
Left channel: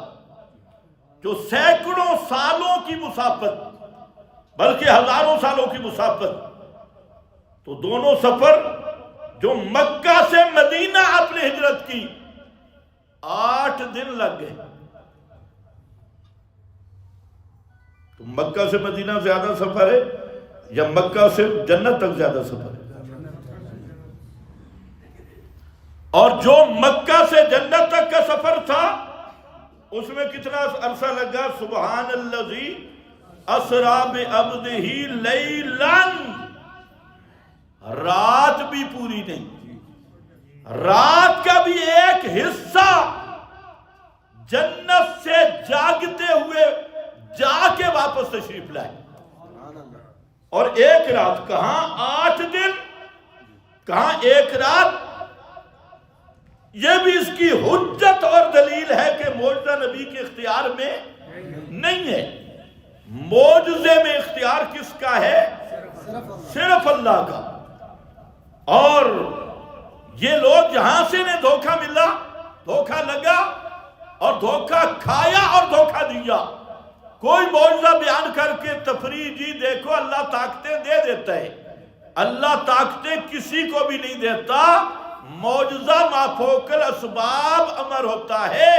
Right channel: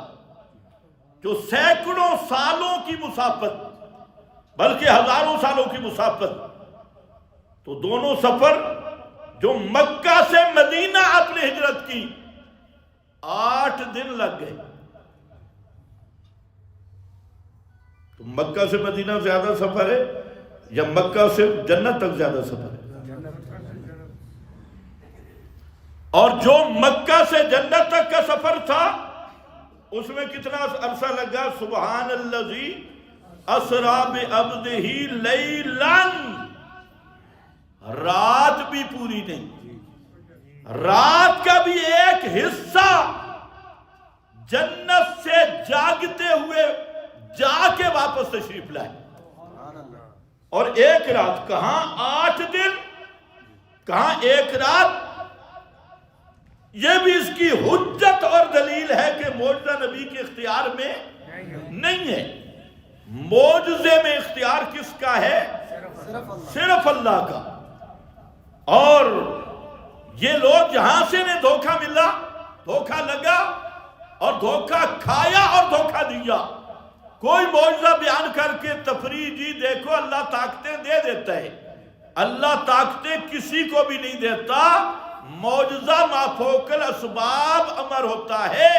جو سینکڑوں سالوں کی مسافت، بلکہ ہزاروں سالوں کی مسافت۔ تو دونوں سفر جو مکہ سے مدینہ آپ نے ہجرت کی 8 دن لگ گئے۔ تو مکہ سے مدینہ زیادہ سفر ہے یا مکہ سے جنت تک زیادہ سفر ہے؟ اور جو مکہ سے جنت تک کا سفر تھا اس میں کتنا عرصہ لگا؟ سبحان الذی اسری بعبدہ لیلا، رات بھی پوری نہیں، رات کا بھی ایک حصہ جنت سے جاگتے ہوئے جا کے واپس تشریف لائے، اور ایک رات کہاں 8 دن، کہاں ایک رات۔ یہ بھی اس کی حجت اور دلیل ہے کہ معجزہ نبی کے اختیار میں نہیں ہے۔ معجزے میں اختیار کس کا ہے؟ صرف اللہ کا۔ اور یہ لوگ جہاں سے نے دھوکہ ملا، دھوکہ لگا اور دھوکہ کھایا اور دھوکہ دیا۔ کوئی معجزہ بیان کر کے تفریح، جی دیکھو اللہ طاقتیں دے دیتا ہے، اللہ طاقتیں کسی کو بھی نہیں دیتا۔ معجزہ ما فوق الاسباب امر ہوتا ہے،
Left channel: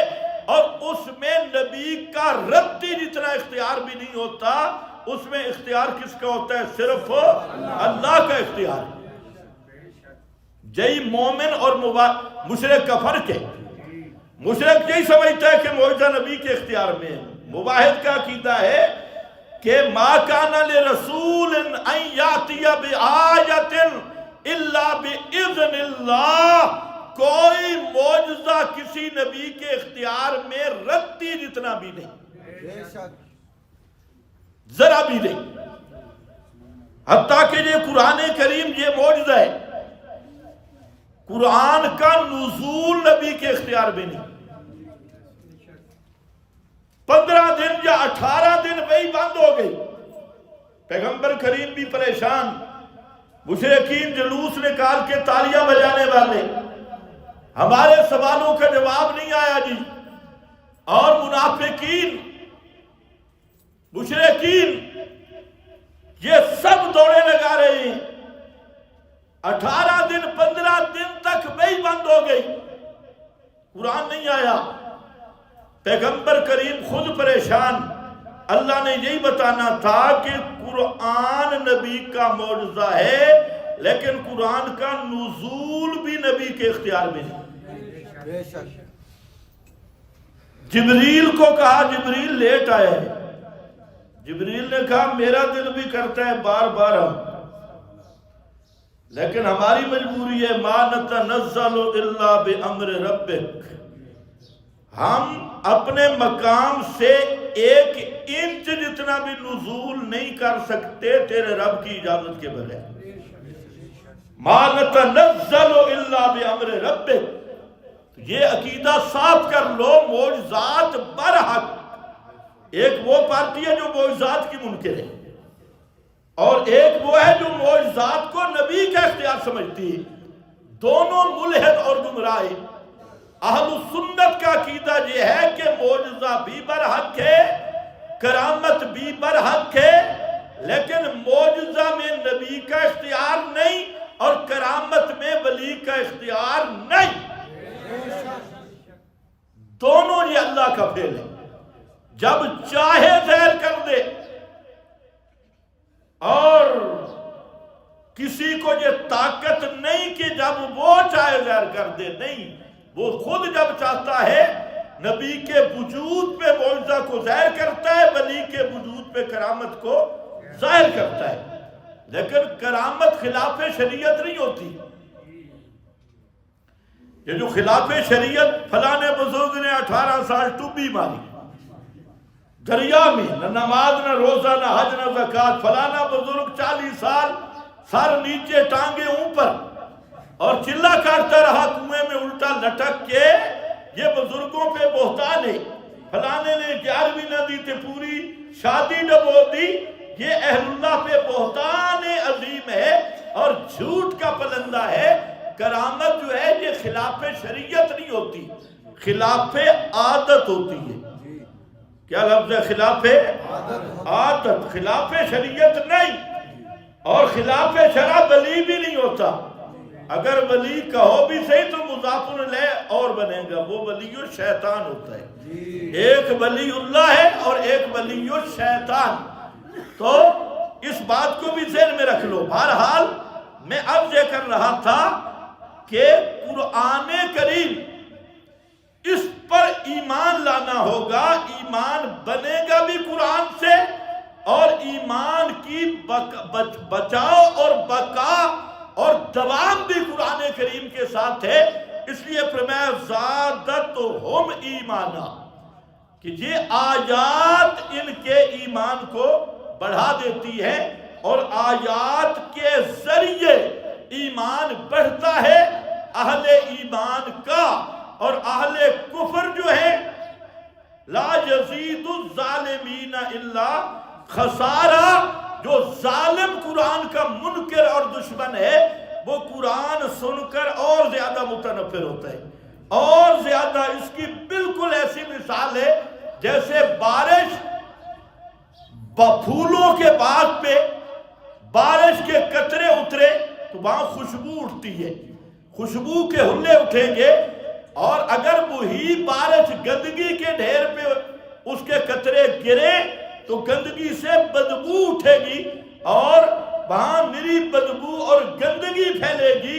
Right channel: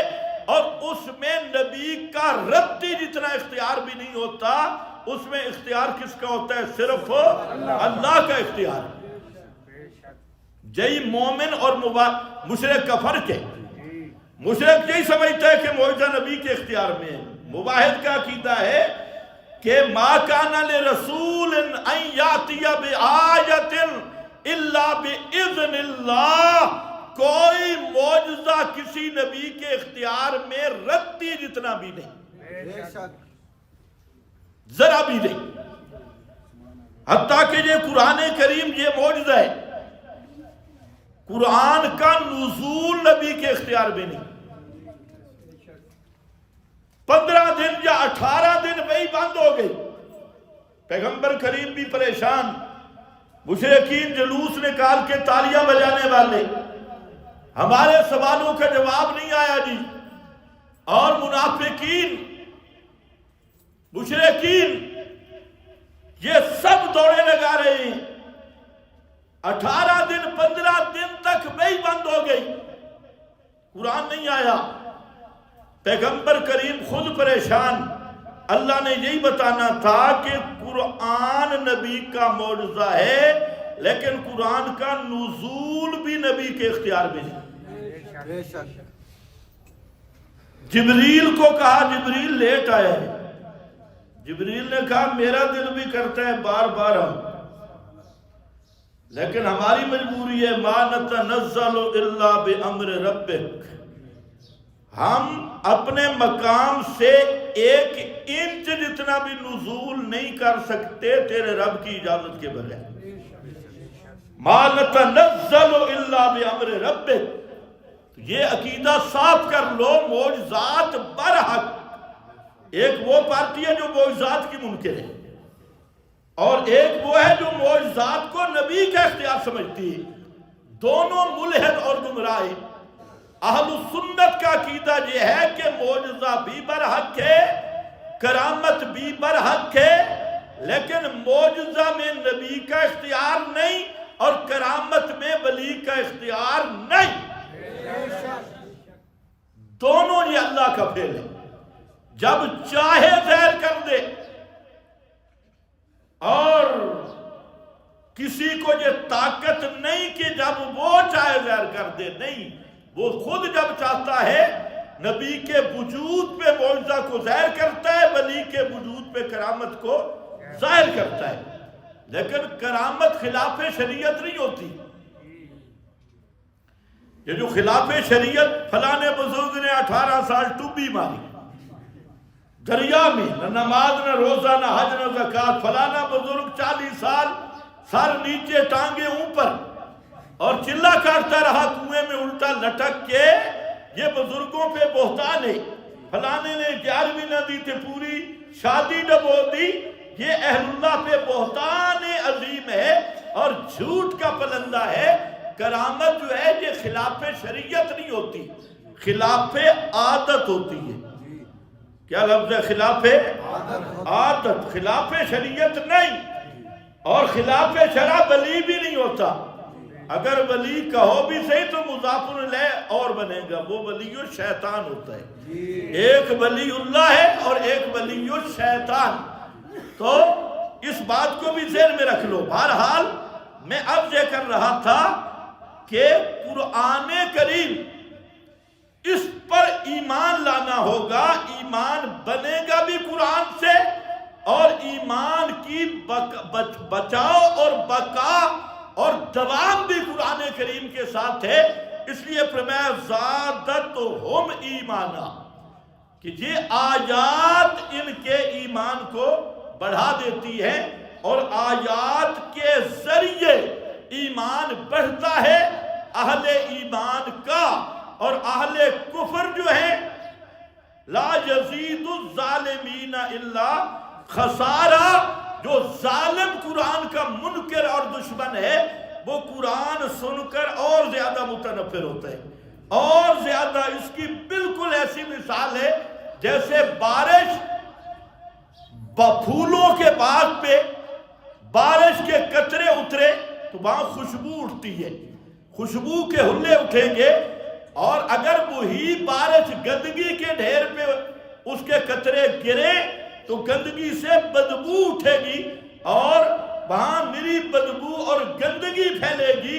اور اس میں نبی کا رتی جتنا اختیار بھی نہیں ہوتا۔ اس میں اختیار کس کا ہوتا ہے؟ صرف اللہ کا اختیار ہے۔ جئی مومن اور مشرک کا فرق ہے۔ مشرک یہی سمجھتا ہے کہ معجزہ نبی کے اختیار میں ہے۔ موحد کا عقیدہ ہے کہ ما کان لرسول ان یاتی بآیۃ الا باذن اللہ، کوئی معجزہ کسی نبی کے اختیار میں رتی جتنا بھی نہیں، ذرا بھی نہیں۔ حتیٰ کہ یہ قرآن کریم یہ معجزہ ہے، قرآن کا نزول نبی کے اختیار میں نہیں۔ 15 دن یا 18 دن وہی بند ہو گئی، پیغمبر کریم بھی پریشان، مشرکین جلوس نکال کے تالیاں بجانے والے، ہمارے سوالوں کا جواب نہیں آیا جی، اور منافقین مشرکین یہ سب دوڑے لگا رہے ہیں۔ 18 دن 15 دن تک وہی بند ہو گئی، قرآن نہیں آیا، پیغمبر کریم خود پریشان۔ اللہ نے یہی بتانا تھا کہ قرآن نبی کا معجزہ ہے، لیکن قرآن کا نزول بھی نبی کے اختیار میں نہیں۔ جبریل کو کہا، جبریل لیٹ آیا ہے، جبریل نے کہا میرا دل بھی کرتا ہے بار بار آؤں، لیکن ہماری مجبوری ہے، ما نتنزل الا بامر ربک، ہم اپنے مقام سے 1 انچ جتنا بھی نزول نہیں کر سکتے تیرے رب کی اجازت کے بغیر۔ ما نتنزل الا بامر ربک، یہ عقیدہ صاف کر لو، معجزات برحق۔ ایک وہ پارٹی ہے جو معجزات کی منکر ہے، اور ایک وہ ہے جو معجزات کو نبی کا اختیار سمجھتی ہے، دونوں ملحد اور گمراہ ہیں۔ اہل سنت کا عقیدہ یہ ہے کہ معجزہ بھی برحق ہے، کرامت بھی برحق ہے، لیکن معجزہ میں نبی کا اختیار نہیں اور کرامت میں ولی کا اختیار نہیں، دونوں یہ اللہ کا فعل ہے۔ جب چاہے ظاہر کر دے، اور کسی کو یہ طاقت نہیں کہ جب وہ چاہے ظاہر کر دے، نہیں، وہ خود جب چاہتا ہے نبی کے وجود پہ معجزہ کو ظاہر کرتا ہے، ولی کے وجود پہ کرامت کو ظاہر کرتا ہے، لیکن کرامت خلاف شریعت نہیں ہوتی۔ یہ جو خلاف شریعت، فلانے بزرگ نے 18 سال ٹوبی ماری دریا میں، نہ نماز نہ روزہ نہ حج نہ زکوٰۃ، فلانا بزرگ 40 سال سر نیچے ٹانگے اوپر اور چلا کاٹتا رہا کنویں میں الٹا لٹک کے، یہ بزرگوں پہ بہتان ہے۔ فلانے نے 11ویں نہ دی تھے پوری، شادی ڈبو دی، یہ اہل اللہ پہ بہتان عظیم ہے اور جھوٹ کا پلندہ ہے۔ کرامت جو ہے یہ خلاف شریعت نہیں ہوتی، خلاف عادت ہوتی ہے۔ کیا لفظ ہے؟ خلاف عادت، خلاف شریعت نہیں، اور خلاف شرع ولی بھی نہیں ہوتا۔ اگر ولی کہو بھی صحیح تو مضاف الیہ اور بنے گا، وہ ولی الشیطان ہوتا ہے۔ ایک ولی اللہ ہے اور ایک ولی الشیطان، تو اس بات کو بھی ذہن میں رکھ لو۔ بہرحال میں اب یہ کر رہا تھا کہ قرآن کریم، اس پر ایمان لانا ہوگا، ایمان بنے گا بھی قرآن سے، اور ایمان کی بچاؤ اور بقا اور دوام بھی قرآن کریم کے ساتھ ہے۔ اس لیے فرمایا زادتہم ایمانا، کہ یہ آیات ان کے ایمان کو بڑھا دیتی ہے، اور آیات کے ذریعے ایمان بڑھتا ہے اہل ایمان کا، اور اہل کفر جو ہے لا یزید الظالمین الا خسارہ، جو ظالم قرآن کا منکر اور دشمن ہے، وہ قرآن سن کر اور زیادہ متنفر ہوتا ہے، اور زیادہ۔ اس کی بالکل ایسی مثال ہے جیسے بارش، پھولوں کے باغ پہ بارش کے قطرے اترے تو وہاں خوشبو اٹھتی ہے، خوشبو کے ہلے اٹھیں گے، اور اگر وہی بارش گندگی کے ڈھیر پہ اس کے قطرے گرے تو گندگی سے بدبو اٹھے گی اور وہاں میری بدبو اور گندگی پھیلے گی.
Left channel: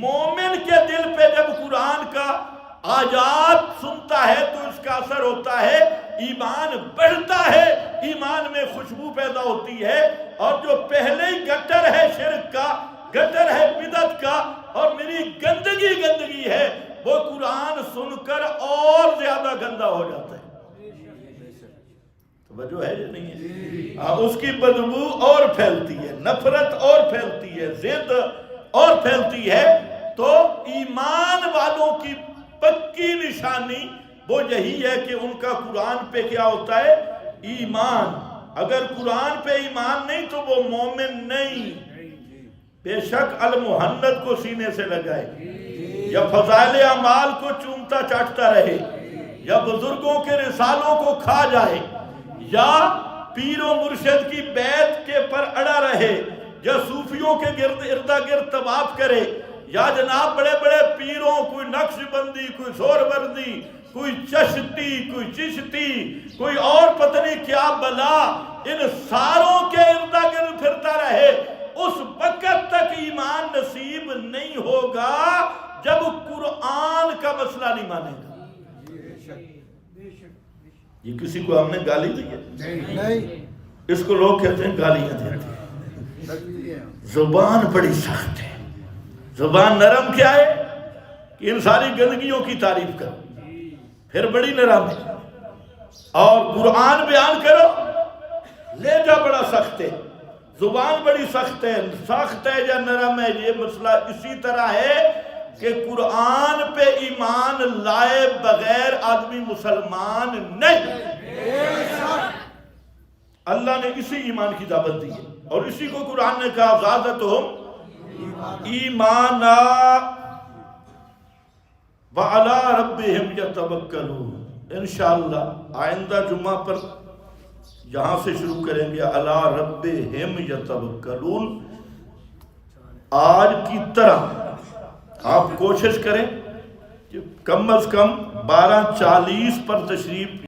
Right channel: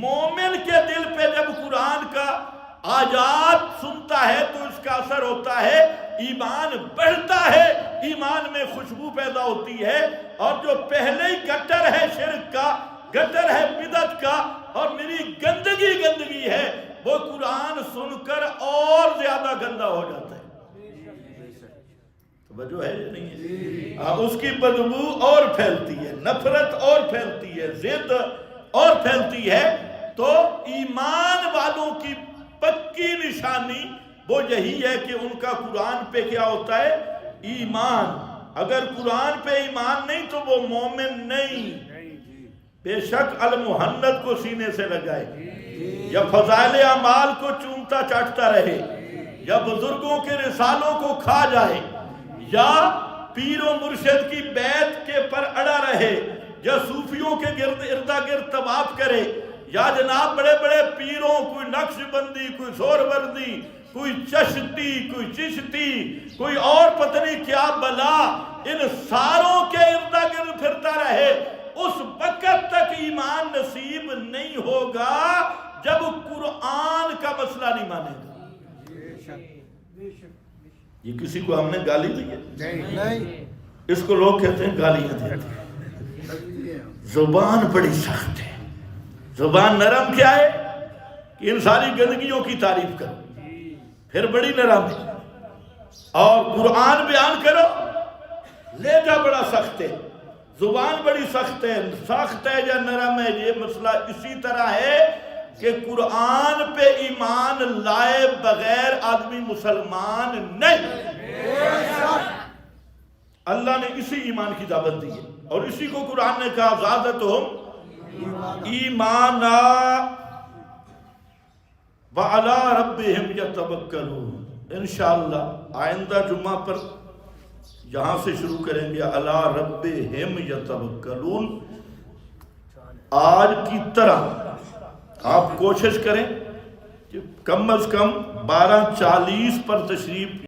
مومن کے دل پہ جب قرآن کا آیات سنتا ہے تو اس کا اثر ہوتا ہے, ایمان بڑھتا ہے, ایمان میں خوشبو پیدا ہوتی ہے. اور جو پہلے ہی گٹر ہے شرک کا, گٹر ہے بدعت کا, اور میری گندگی ہے, وہ قرآن سن کر اور زیادہ گندا ہو جاتا ہے. توجہ ہے یا نہیں ہے؟ اس کی بدبو اور پھیلتی ہے, نفرت اور پھیلتی ہے, ضد اور پھیلتی ہے. تو ایمان والوں کی پکی نشانی وہ یہی ہے کہ ان کا قرآن پہ کیا ہوتا ہے؟ ایمان. اگر قرآن پہ ایمان نہیں تو وہ مومن نہیں. بے شک المحنت کو سینے سے لگائے, یا فضائل اعمال کو چومتا چاٹتا رہے, یا بزرگوں کے رسالوں کو کھا جائے, یا پیر و مرشد کی بیعت کے پر اڑا رہے, یا صوفیوں کے اردا گرد طواف کرے, یا جناب بڑے بڑے پیروں, کوئی نقش بندی, کوئی سہروردی, کوئی چشتی, کوئی چشتی, کوئی اور پتہ نہیں کیا بلا, ان ساروں کے اردا گرد پھرتا رہے, اس وقت تک ایمان نصیب نہیں ہوگا جب قرآن کا مسئلہ نہیں مانے گا. یہ کسی کو ہم نے گالی دی ہے؟ اس کو لوگ کہتے ہیں گالیاں دیتے ہیں. زبان بڑی سخت ہے. زبان نرم کیا ہے کہ ان ساری گندگیوں کی تعریف کرو, پھر بڑی نرم ہے. اور قرآن بیان کرو, لہجہ بڑا سخت ہے, زبان بڑی سخت ہے. سخت ہے یا نرم ہے, یہ مسئلہ اسی طرح ہے کہ قرآن پہ ایمان لائے بغیر آدمی مسلمان نہیں. اللہ نے اسی ایمان کی دعوت دی ہے, اور اسی کو قرآن نے کہا زادتہم ایمانا وعلی ربہم یتوکلون. انشاءاللہ آئندہ جمعہ پر یہاں سے شروع کریں گے علی ربہم یتوکلون. آج کی طرح آپ کوشش کریں کہ کم از کم 12:40 پر تشریف